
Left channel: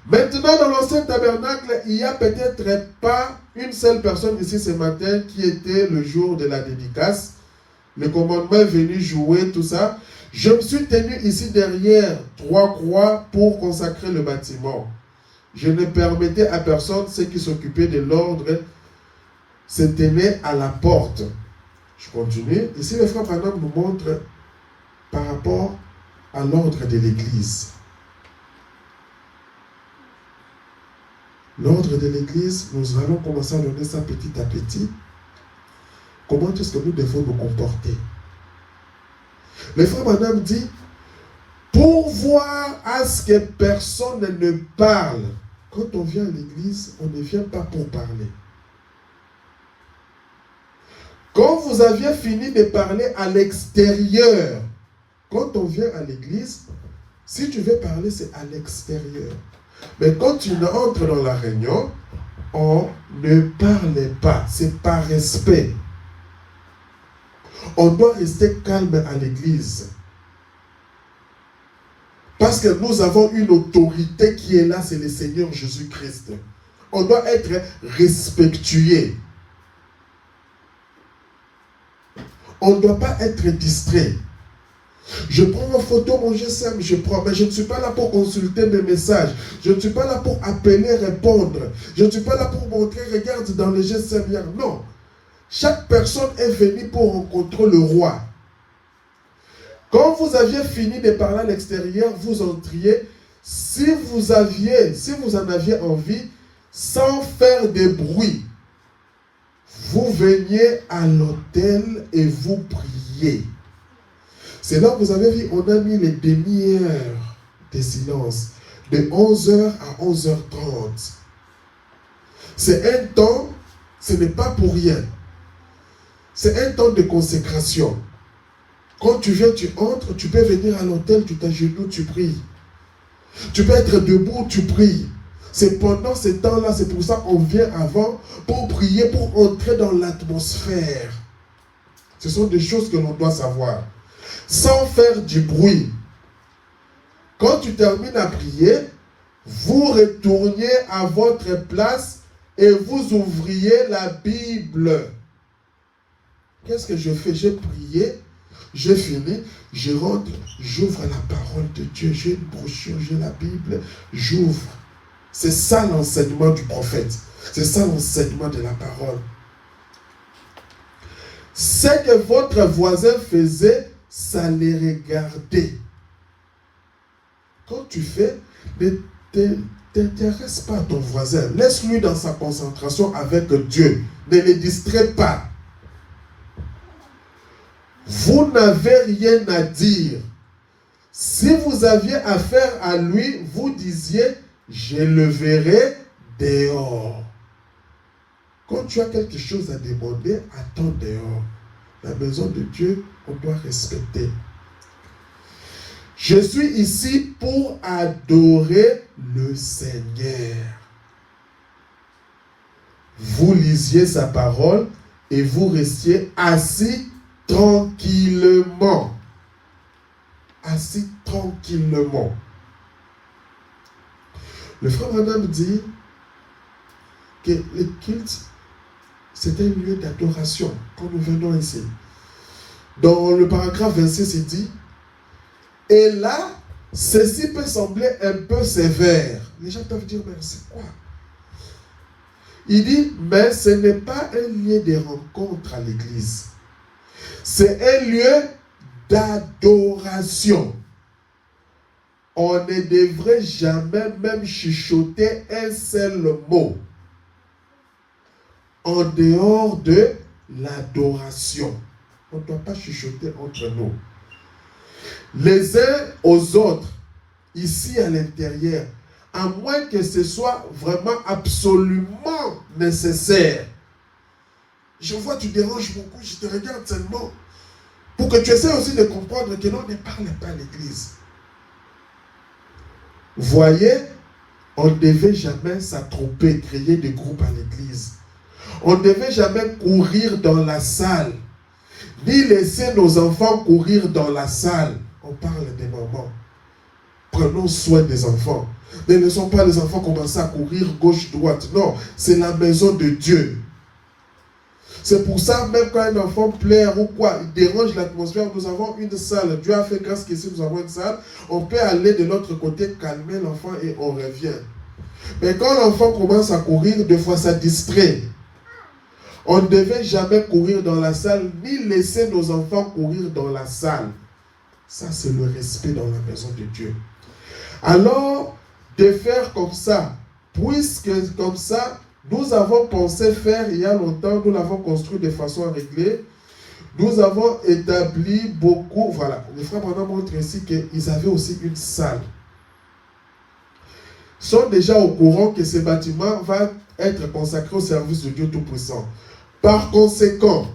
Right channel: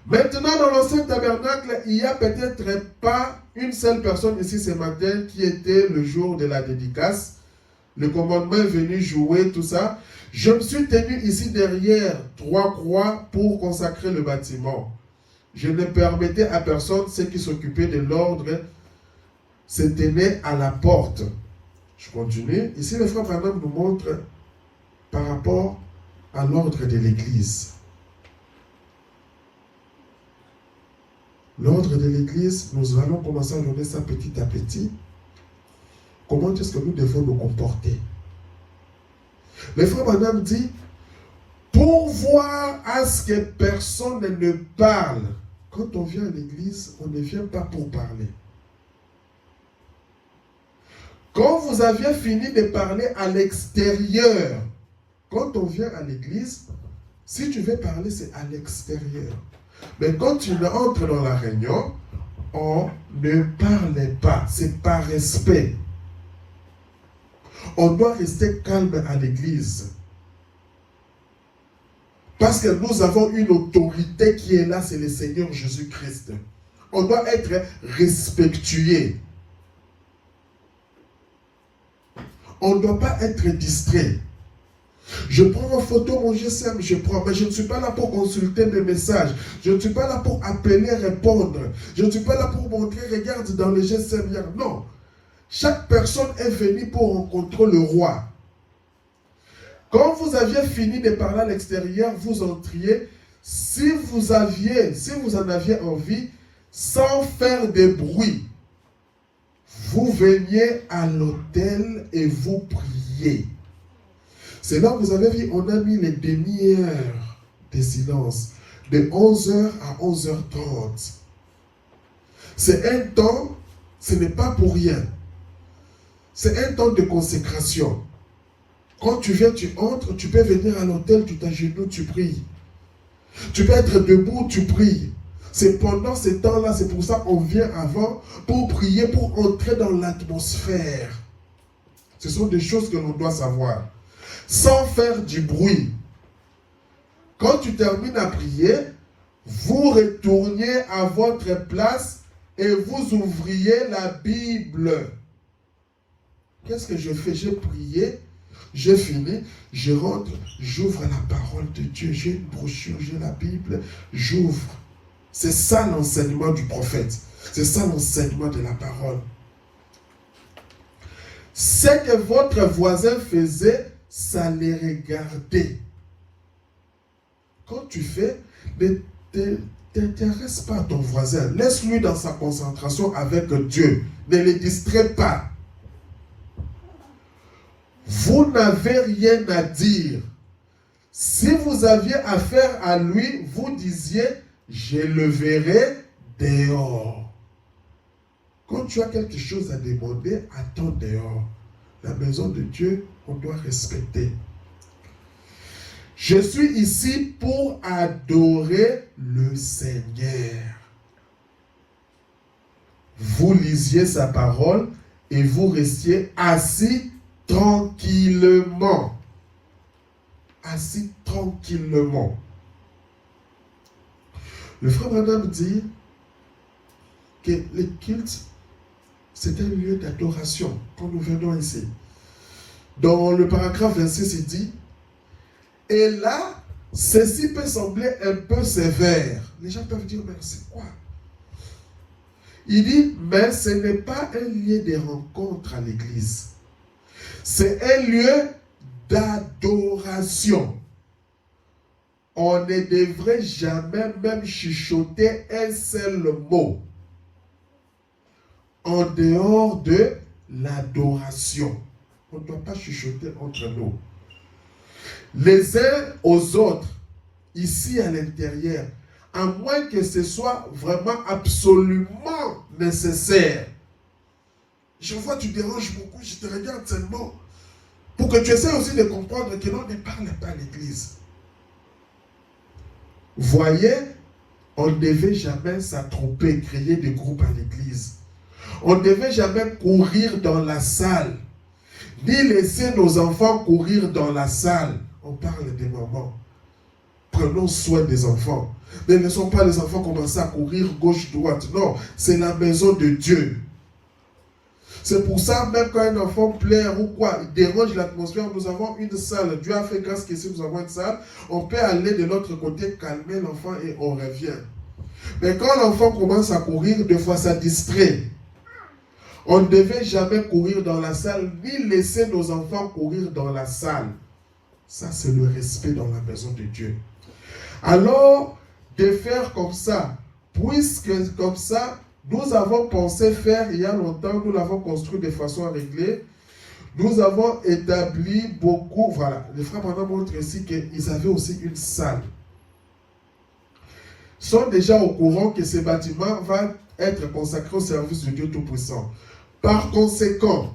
Maintenant, dans l'ancien tabernacle, il n'y a peut-être pas une seule personne ici ce matin qui était le jour de la dédicace. Le commandement est venu jouer tout ça. Je me suis tenu ici derrière 3 croix pour consacrer le bâtiment. Je ne permettais à personne, ceux qui s'occupaient de l'ordre, se tenaient à la porte. Je continue. Ici, le frère Branham nous montre par rapport à l'ordre de l'Église. L'ordre de l'Église, nous allons commencer à donner ça petit à petit. Comment est-ce que nous devons nous comporter? Le frère Branham dit, pour voir à ce que personne ne parle. Quand on vient à l'église, on ne vient pas pour parler. Quand vous aviez fini de parler à l'extérieur, quand on vient à l'église, si tu veux parler, c'est à l'extérieur. Mais quand tu entres dans la réunion, on ne parlait pas. C'est par respect. On doit rester calme à l'église. Parce que nous avons une autorité qui est là, c'est le Seigneur Jésus-Christ. On doit être respectueux. On ne doit pas être distrait. Je prends en photo mon GSM, je prends, mais je ne suis pas là pour consulter mes messages. Je ne suis pas là pour appeler, répondre. Je ne suis pas là pour montrer, regarde dans le GSM hier. Non. Chaque personne est venue pour rencontrer le roi. Quand vous aviez fini de parler à l'extérieur, vous entriez. Si vous en aviez envie, sans faire de bruit, vous veniez à l'autel et vous priez. C'est là que vous avez vu, on a mis les demi-heures de silence, de 11h à 11h30. C'est un temps, ce n'est pas pour rien. C'est un temps de consécration. Quand tu viens, tu entres, tu peux venir à l'autel, tu t'agenouilles, tu pries. Tu peux être debout, tu pries. C'est pendant ce temps-là, c'est pour ça qu'on vient avant, pour prier, pour entrer dans l'atmosphère. Ce sont des choses que l'on doit savoir. Sans faire du bruit. Quand tu termines à prier, vous retourniez à votre place et vous ouvriez la Bible. Qu'est-ce que je fais? J'ai prié, j'ai fini, je rentre, j'ouvre la parole de Dieu, j'ai une brochure, j'ai la Bible, j'ouvre. C'est ça l'enseignement du prophète. C'est ça l'enseignement de la parole. Ce que votre voisin faisait, ça les regardait. Quand tu fais, ne t'intéresse pas à ton voisin. Laisse-lui dans sa concentration avec Dieu. Ne le distrais pas. Vous n'avez rien à dire. Si vous aviez affaire à lui, vous disiez, je le verrai dehors. Quand tu as quelque chose à demander, attends dehors. La maison de Dieu, on doit respecter. Je suis ici pour adorer le Seigneur. Vous lisiez sa parole et vous restiez assis tranquillement. Assis tranquillement. Le frère Branham dit que le culte, c'était un lieu d'adoration quand nous venons ici. Dans le paragraphe 26, il dit, et là, ceci peut sembler un peu sévère. Les gens peuvent dire, mais c'est quoi? Il dit, mais ce n'est pas un lieu de rencontre à l'église. C'est un lieu d'adoration. On ne devrait jamais même chuchoter un seul mot en dehors de l'adoration. On ne doit pas chuchoter entre nous. Les uns aux autres, ici à l'intérieur, à moins que ce soit vraiment absolument nécessaire. Je vois, tu déranges beaucoup, je te regarde seulement. Pour que tu essaies aussi de comprendre que l'on ne parle pas à l'église. Voyez, on ne devait jamais s'attrouper, créer des groupes à l'église. On ne devait jamais courir dans la salle, ni laisser nos enfants courir dans la salle. On parle des mamans. Prenons soin des enfants. Ne laissons pas les enfants commencer à courir gauche-droite. Non, c'est la maison de Dieu. C'est pour ça, même quand un enfant pleure ou quoi, il dérange l'atmosphère, nous avons une salle. Dieu a fait grâce qu'ici nous avons une salle. On peut aller de l'autre côté, calmer l'enfant et on revient. Mais quand l'enfant commence à courir, des fois ça distrait. On ne devait jamais courir dans la salle, ni laisser nos enfants courir dans la salle. Ça, c'est le respect dans la maison de Dieu. Alors, de faire comme ça, puisque comme ça, nous avons pensé faire il y a longtemps, nous l'avons construit de façon réglée. Nous avons établi beaucoup, voilà, le frère Branham montre ici qu'ils avaient aussi une salle. Ils sont déjà au courant que ce bâtiment va être consacré au service de Dieu Tout-Puissant. Par conséquent,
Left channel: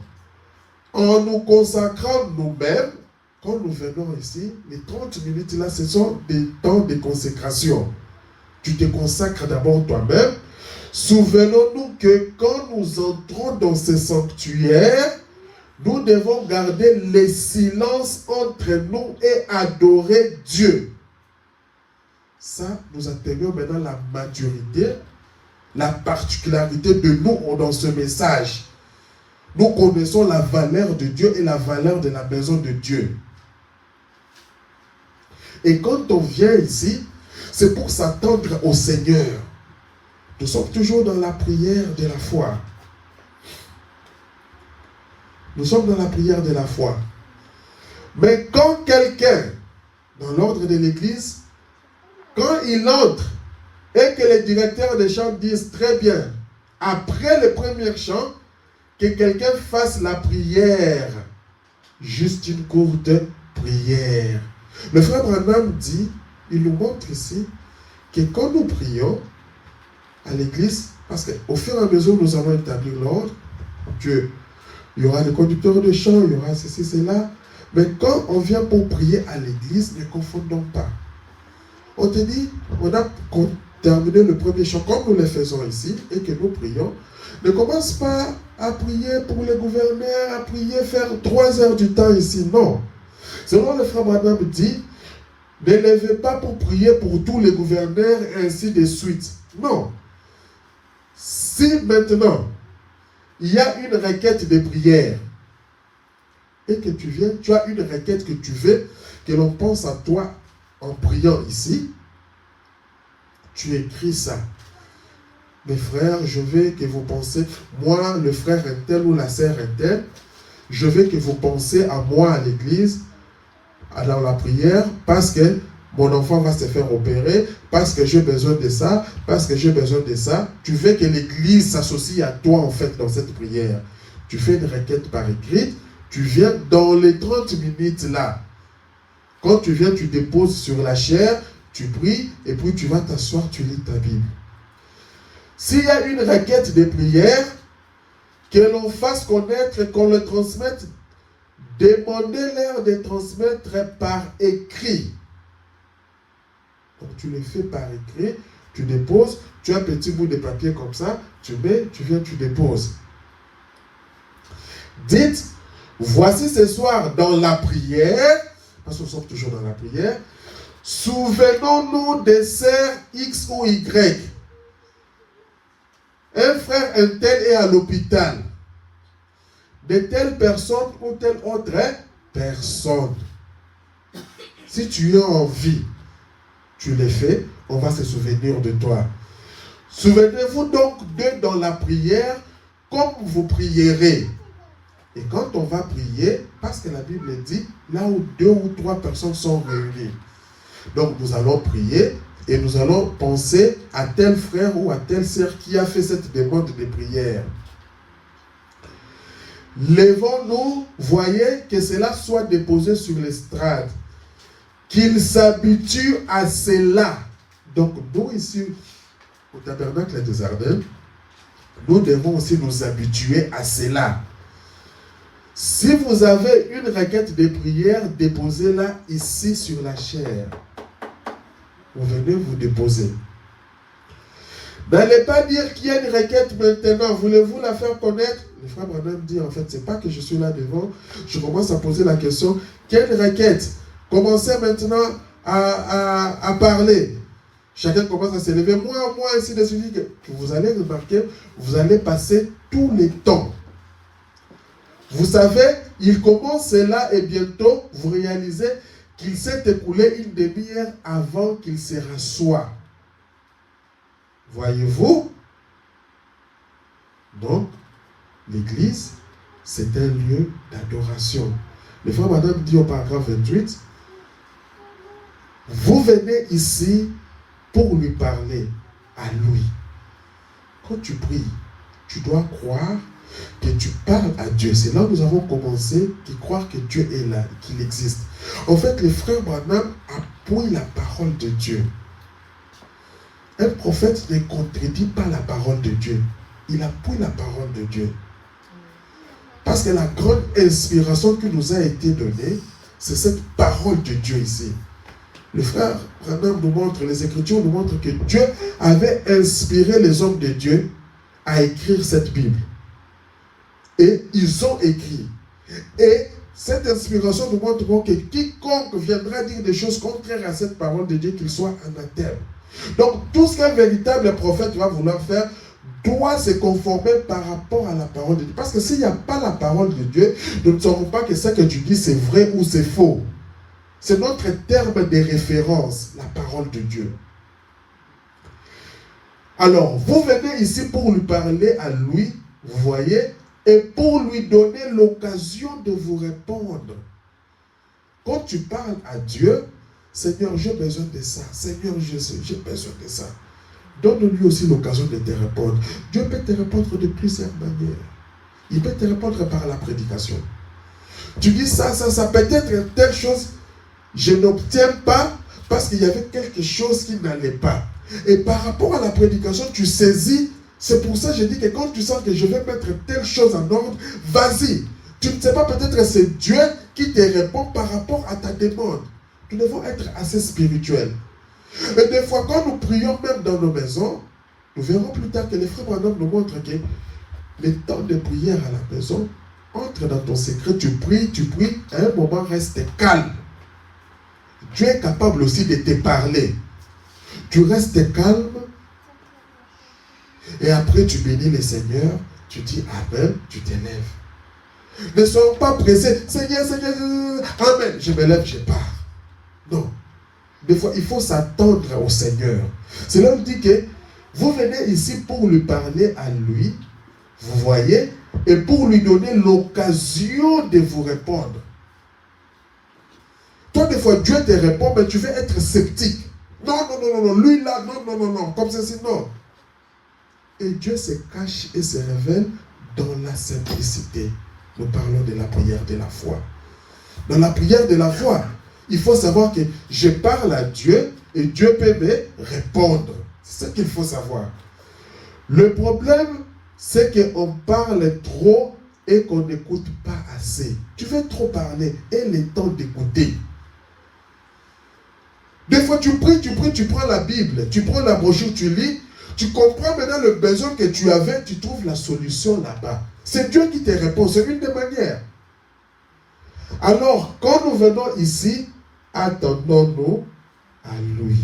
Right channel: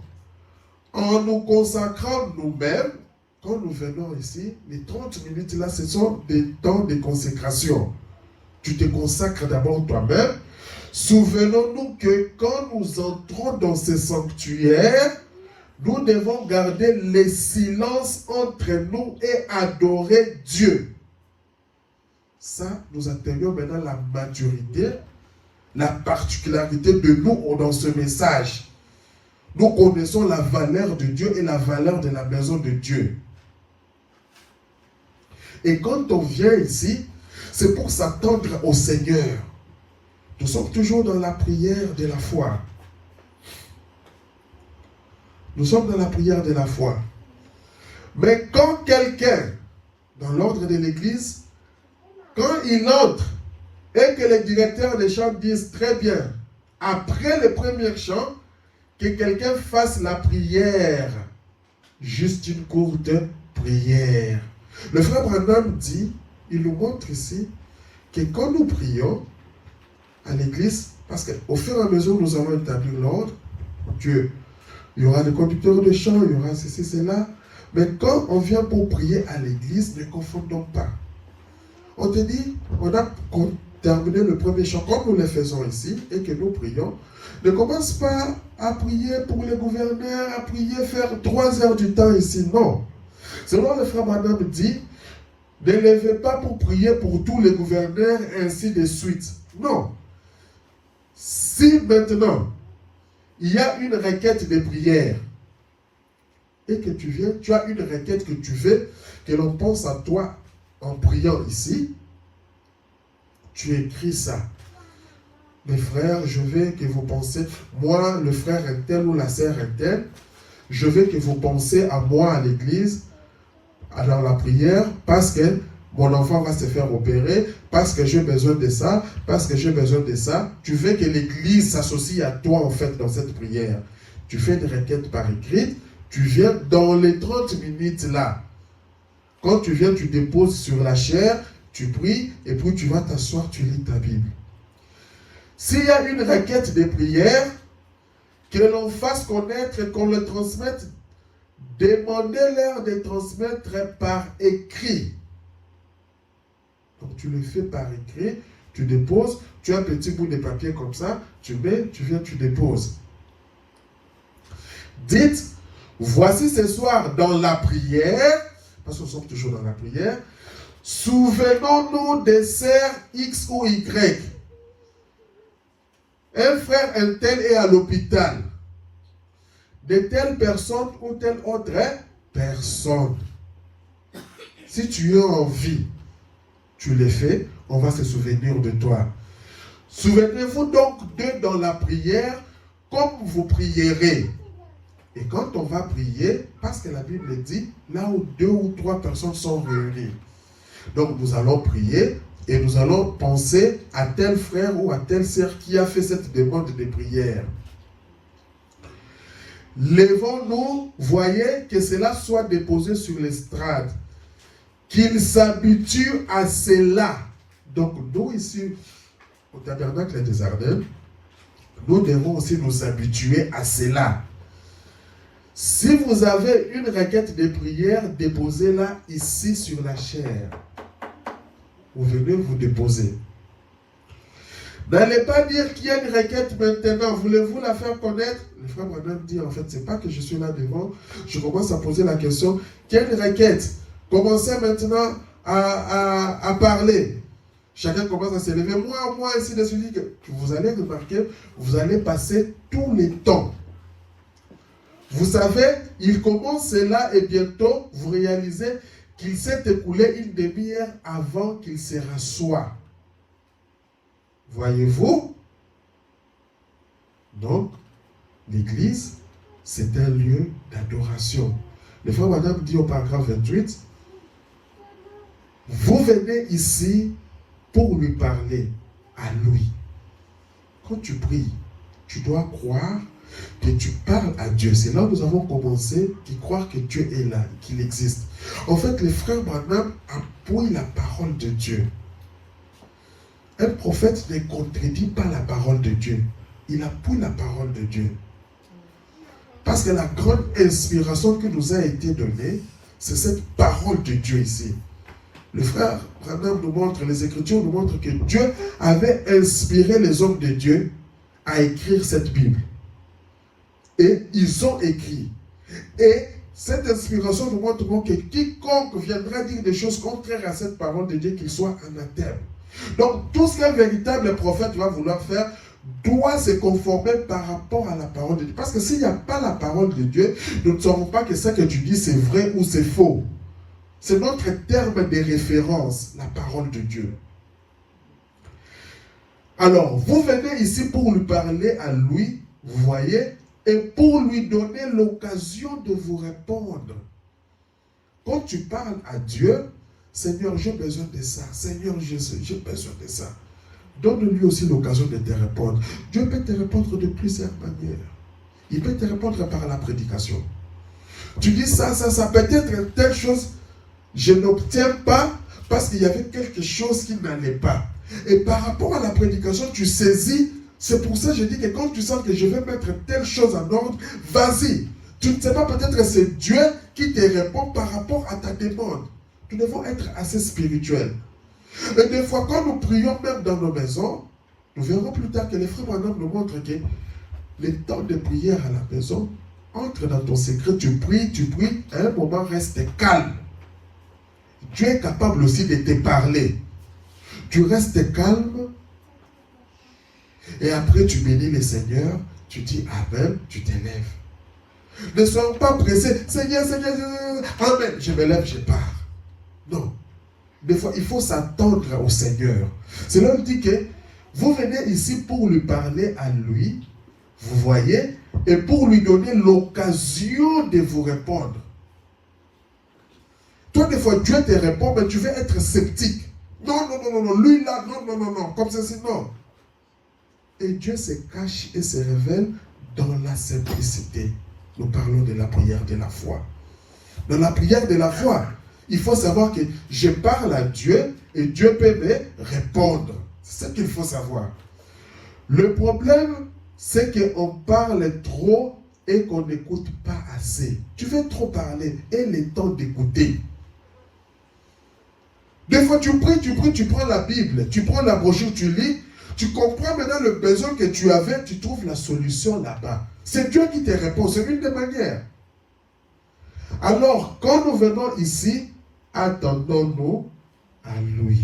en nous consacrant nous-mêmes, quand nous venons ici, les 30 minutes là, ce sont des temps de consécration. tu te consacres d'abord toi-même. Souvenons-nous que quand nous entrons dans ce sanctuaire, nous devons garder le silence entre nous et adorer Dieu. Ça, nous atteignons maintenant la maturité, la particularité de nous dans ce message. Nous connaissons la valeur de Dieu et la valeur de la maison de Dieu. Et quand on vient ici, c'est pour s'attendre au Seigneur. Nous sommes toujours dans la prière de la foi. Nous sommes dans la prière de la foi. Mais quand quelqu'un, dans l'ordre de l'Église, quand il entre et que les directeurs des chants disent très bien, après le premier chant, que quelqu'un fasse la prière, juste une courte prière. Le frère Branham dit, il nous montre ici, que quand nous prions à l'église, parce qu'au fur et à mesure où nous allons établir l'ordre, Dieu, il y aura les conducteurs de chant, il y aura ceci, cela, mais quand on vient pour prier à l'église, ne confondons pas. On te dit, on a terminé le premier chant comme nous le faisons ici, et que nous prions, ne commence pas à prier pour les gouverneurs, à prier, faire 3 heures du temps ici, non. Selon le frère Branham dit, ne levez pas pour prier pour tous les gouverneurs et ainsi de suite. Non. Si maintenant, il y a une requête de prière et que tu viens, tu as une requête que tu veux, que l'on pense à toi en priant ici, tu écris ça. Mes frères, je veux que vous pensez, moi, le frère un tel ou la sœur un tel, je veux que vous pensez à moi à l'église, dans la prière, parce que mon enfant va se faire opérer, parce que j'ai besoin de ça, parce que j'ai besoin de ça. Tu veux que l'église s'associe à toi en fait dans cette prière. Tu fais une requête par écrit, tu viens dans les 30 minutes là. Quand tu viens, tu déposes sur la chaire, tu pries, et puis tu vas t'asseoir, tu lis ta Bible. S'il y a une requête de prière, que l'on fasse connaître, qu'on le transmette, demandez-leur de transmettre par écrit. Donc tu le fais par écrit, tu déposes, tu as un petit bout de papier comme ça, tu mets, tu viens, tu déposes. Dites, voici ce soir dans la prière, parce qu'on sommes toujours dans la prière, souvenons-nous des sœurs X ou Y. Un frère, un tel est à l'hôpital. De telle personne ou telle autre personne. Si tu es en vie, tu les fais, on va se souvenir de toi. Souvenez-vous donc d'eux dans la prière, comme vous prierez. Et quand on va prier, parce que la Bible dit, là où 2 ou 3 personnes sont réunies. Donc nous allons prier et nous allons penser à tel frère ou à telle sœur qui a fait cette demande de prière. Levons-nous, voyez que cela soit déposé sur l'estrade. Qu'ils s'habituent à cela. Donc nous ici, au tabernacle des Ardennes, nous devons aussi nous habituer à cela. Si vous avez une requête de prière, déposez-la ici sur la chaire. Vous venez vous déposer. N'allez pas dire qu'il y a une requête maintenant. Voulez-vous la faire connaître? Le frère Branham dit en fait, c'est pas que je suis là devant. Je commence à poser la question. Quelle requête? Commencez maintenant à parler. Chacun commence à se lever. Moi, ici de celui que vous allez remarquer, vous allez passer tout le temps. Vous savez, il commence là et bientôt, vous réalisez qu'il s'est écoulé une demi-heure avant qu'il se rassoie. Voyez-vous? Donc, l'église, c'est un lieu d'adoration. Le frère Madame dit au paragraphe 28, vous venez ici pour lui parler à lui. Quand tu pries, tu dois croire que tu parles à Dieu. C'est là où nous avons commencé de croire que Dieu est là, qu'il existe. En fait, le frère Branham appuie la parole de Dieu. Un prophète ne contredit pas la parole de Dieu. Il appuie la parole de Dieu. Parce que la grande inspiration qui nous a été donnée, c'est cette parole de Dieu ici. Le frère Branham nous montre, les Écritures nous montrent que Dieu avait inspiré les hommes de Dieu à écrire cette Bible. Et ils ont écrit. Et cette inspiration nous montre que quiconque viendra dire des choses contraires à cette parole de Dieu, qu'il soit anathème. Donc, tout ce qu'un véritable prophète va vouloir faire doit se conformer par rapport à la parole de Dieu. Parce que s'il n'y a pas la parole de Dieu, nous ne saurons pas que ce que tu dis c'est vrai ou c'est faux. C'est notre terme de référence, la parole de Dieu. Alors, vous venez ici pour lui parler à lui, vous voyez, et pour lui donner l'occasion de vous répondre. Quand tu parles à Dieu, Seigneur, j'ai besoin de ça. Seigneur Jésus, j'ai besoin de ça. Donne-lui aussi l'occasion de te répondre. Dieu peut te répondre de plusieurs manières. Il peut te répondre par la prédication. Tu dis ça, peut-être telle chose, je n'obtiens pas parce qu'il y avait quelque chose qui n'allait pas. Et par rapport à la prédication, tu saisis. C'est pour ça que je dis que quand tu sens que je vais mettre telle chose en ordre, vas-y. Tu ne sais pas, peut-être c'est Dieu qui te répond par rapport à ta demande. Nous devons être assez spirituels. Et des fois, quand nous prions même dans nos maisons, nous verrons plus tard que les frères Branham nous montrent que les temps de prière à la maison, entre dans ton secret, tu pries, à un moment reste calme. Dieu est capable aussi de te parler. Tu restes calme, et après tu bénis le Seigneur, tu dis Amen, tu t'élèves. Ne soyons pas pressés, Seigneur, Seigneur, Amen, je me lève, je pars. Non. Des fois, il faut s'attendre au Seigneur. C'est là où il dit que vous venez ici pour lui parler à lui, vous voyez, et pour lui donner l'occasion de vous répondre. Toi, des fois, Dieu te répond, mais tu veux être sceptique. Non, lui là, non, comme ceci, non. Et Dieu se cache et se révèle dans la simplicité. Nous parlons de la prière de la foi. Dans la prière de la foi, il faut savoir que je parle à Dieu et Dieu peut me répondre. C'est ça qu'il faut savoir. Le problème, c'est qu'on parle trop et qu'on n'écoute pas assez. Tu veux trop parler et le temps d'écouter. Des fois, tu pries, tu prends la Bible, tu prends la brochure, tu lis, tu comprends maintenant le besoin que tu avais, tu trouves la solution là-bas. C'est Dieu qui te répond, c'est une des manières. Alors, quand nous venons ici, attendons-nous à lui.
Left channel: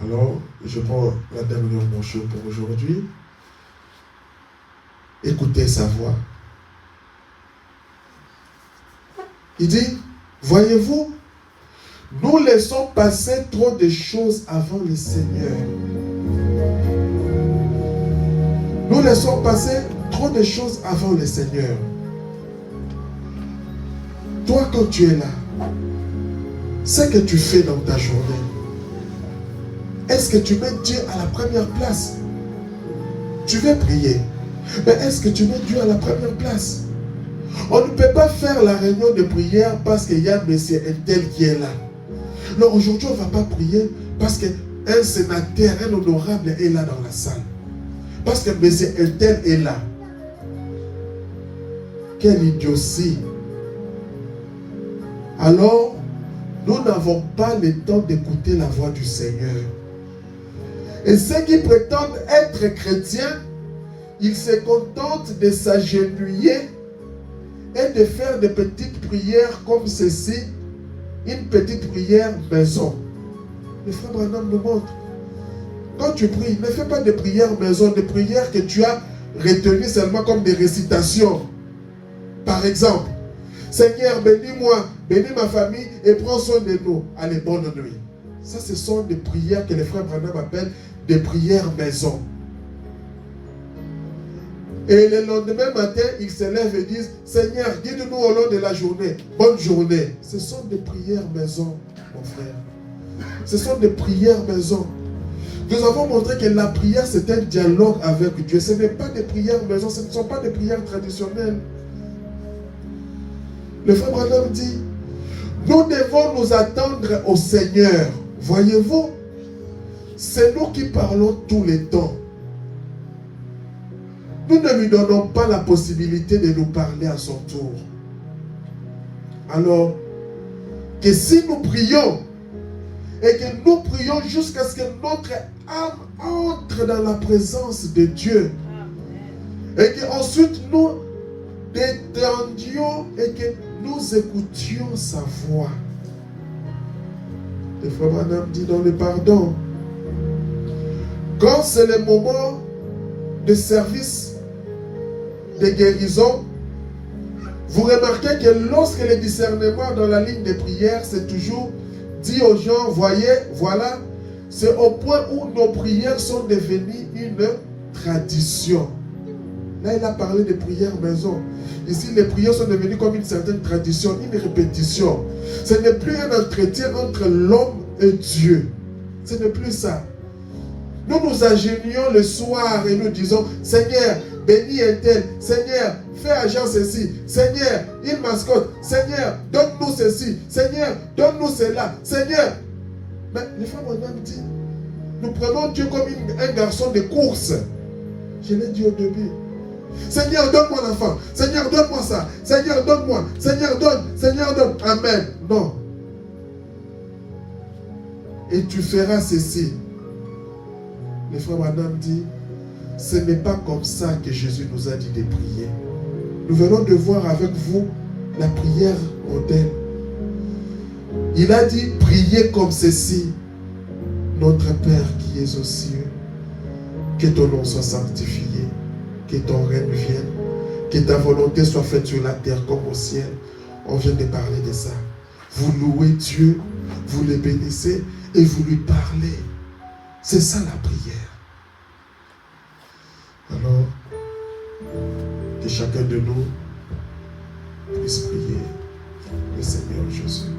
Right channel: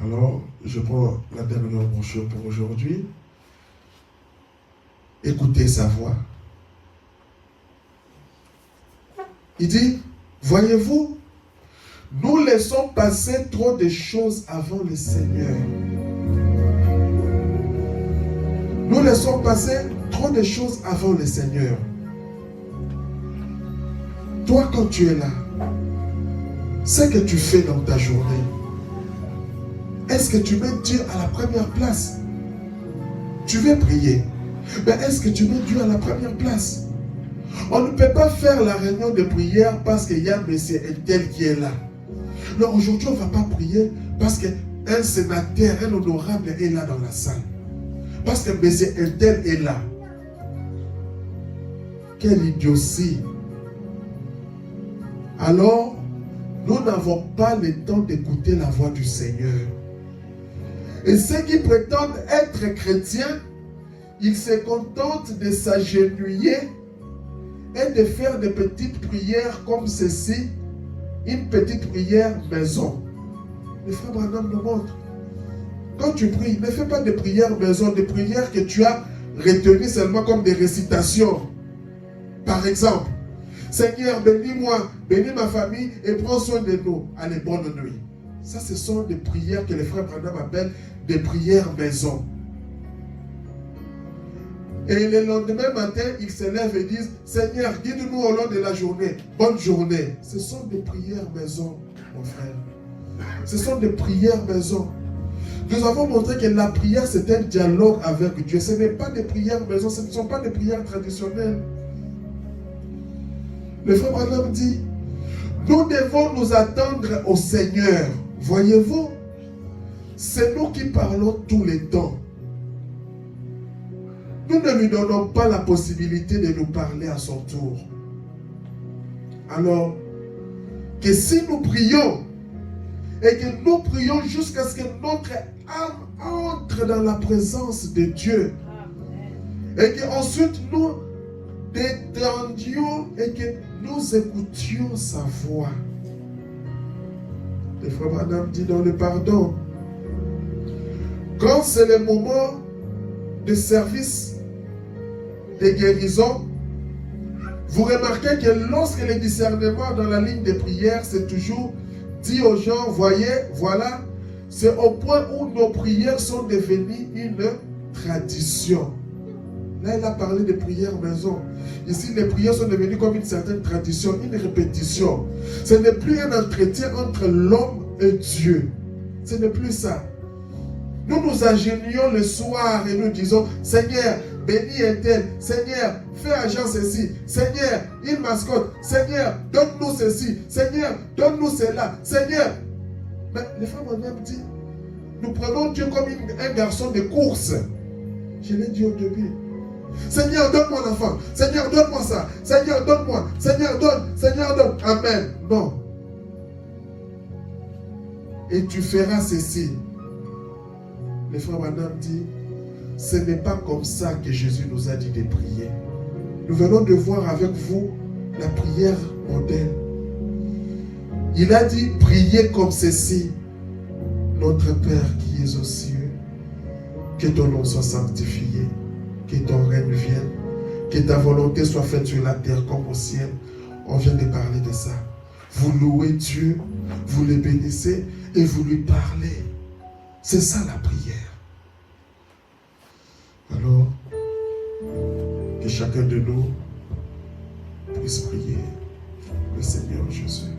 Alors, je prends la dernière brochure pour aujourd'hui. Écoutez sa voix. Il dit, voyez-vous, nous laissons passer trop de choses avant le Seigneur. Nous laissons passer trop de choses avant le Seigneur. Toi, quand tu es là, ce que tu fais dans ta journée, est-ce que tu mets Dieu à la première place? Tu veux prier, mais est-ce que tu mets Dieu à la première place? On ne peut pas faire la réunion de prière parce qu'il y a monsieur Intel qui est là. Non, aujourd'hui, on ne va pas prier parce qu'un sénateur, un honorable est là dans la salle. Parce que monsieur Intel est là. Quelle idiotie! Alors, nous n'avons pas le temps d'écouter la voix du Seigneur. Et ceux qui prétendent être chrétiens, ils se contentent de s'agenouiller et de faire des petites prières comme ceci, une petite prière maison. Le frère Branham nous montre. Quand tu pries, ne fais pas de prières maison, des prières que tu as retenues seulement comme des récitations. Par exemple, Seigneur, bénis-moi, bénis ma famille et prends soin de nous. Allez, bonne nuit. Ça, ce sont des prières que les frères Branham appellent des prières maison. Et le lendemain matin, ils se lèvent et disent, Seigneur, guide-nous au long de la journée. Bonne journée. Ce sont des prières maison, mon frère. Ce sont des prières maison. Nous avons montré que la prière, c'est un dialogue avec Dieu. Ce n'est pas des prières maison, ce ne sont pas des prières traditionnelles. Le frère Branham dit, nous devons nous attendre au Seigneur. Voyez-vous, c'est nous qui parlons tous les temps. Nous ne lui donnons pas la possibilité de nous parler à son tour. Alors, que si nous prions, et que nous prions jusqu'à ce que notre âme entre dans la présence de Dieu, et qu'ensuite nous détendions et que nous écoutions sa voix. Le frère Branham dit dans le pardon, quand c'est le moment de service de guérison, vous remarquez que lorsque le discernement dans la ligne de prière, c'est toujours dit aux gens, voyez, voilà, c'est au point où nos prières sont devenues une tradition. Là, il a parlé de prières maison. Ici, les prières sont devenues comme une certaine tradition, une répétition. Ce n'est plus un entretien entre l'homme et Dieu. Ce n'est plus ça. Nous nous agenouillons le soir et nous disons, Seigneur, bénis est-elle. Seigneur, fais agir ceci. Seigneur, il mascotte. Seigneur, donne-nous ceci. Seigneur, donne-nous cela. Seigneur. Mais les femmes en ont dit, nous prenons Dieu comme un garçon de course. Je l'ai dit au début. Seigneur, donne-moi l'enfant. Seigneur, donne-moi ça. Seigneur, donne-moi. Seigneur, donne. Seigneur, donne. Amen. Non. Et tu feras ceci. Le frère Madame dit, ce n'est pas comme ça que Jésus nous a dit de prier. Nous venons de voir avec vous la prière modèle. Il a dit, priez comme ceci. Notre Père qui es aux cieux, que ton nom soit sanctifié, que ton règne vienne, que ta volonté soit faite sur la terre comme au ciel. On vient de parler de ça. Vous louez Dieu, vous le bénissez et vous lui parlez. C'est ça la prière. Alors, que chacun de nous puisse prier le Seigneur Jésus.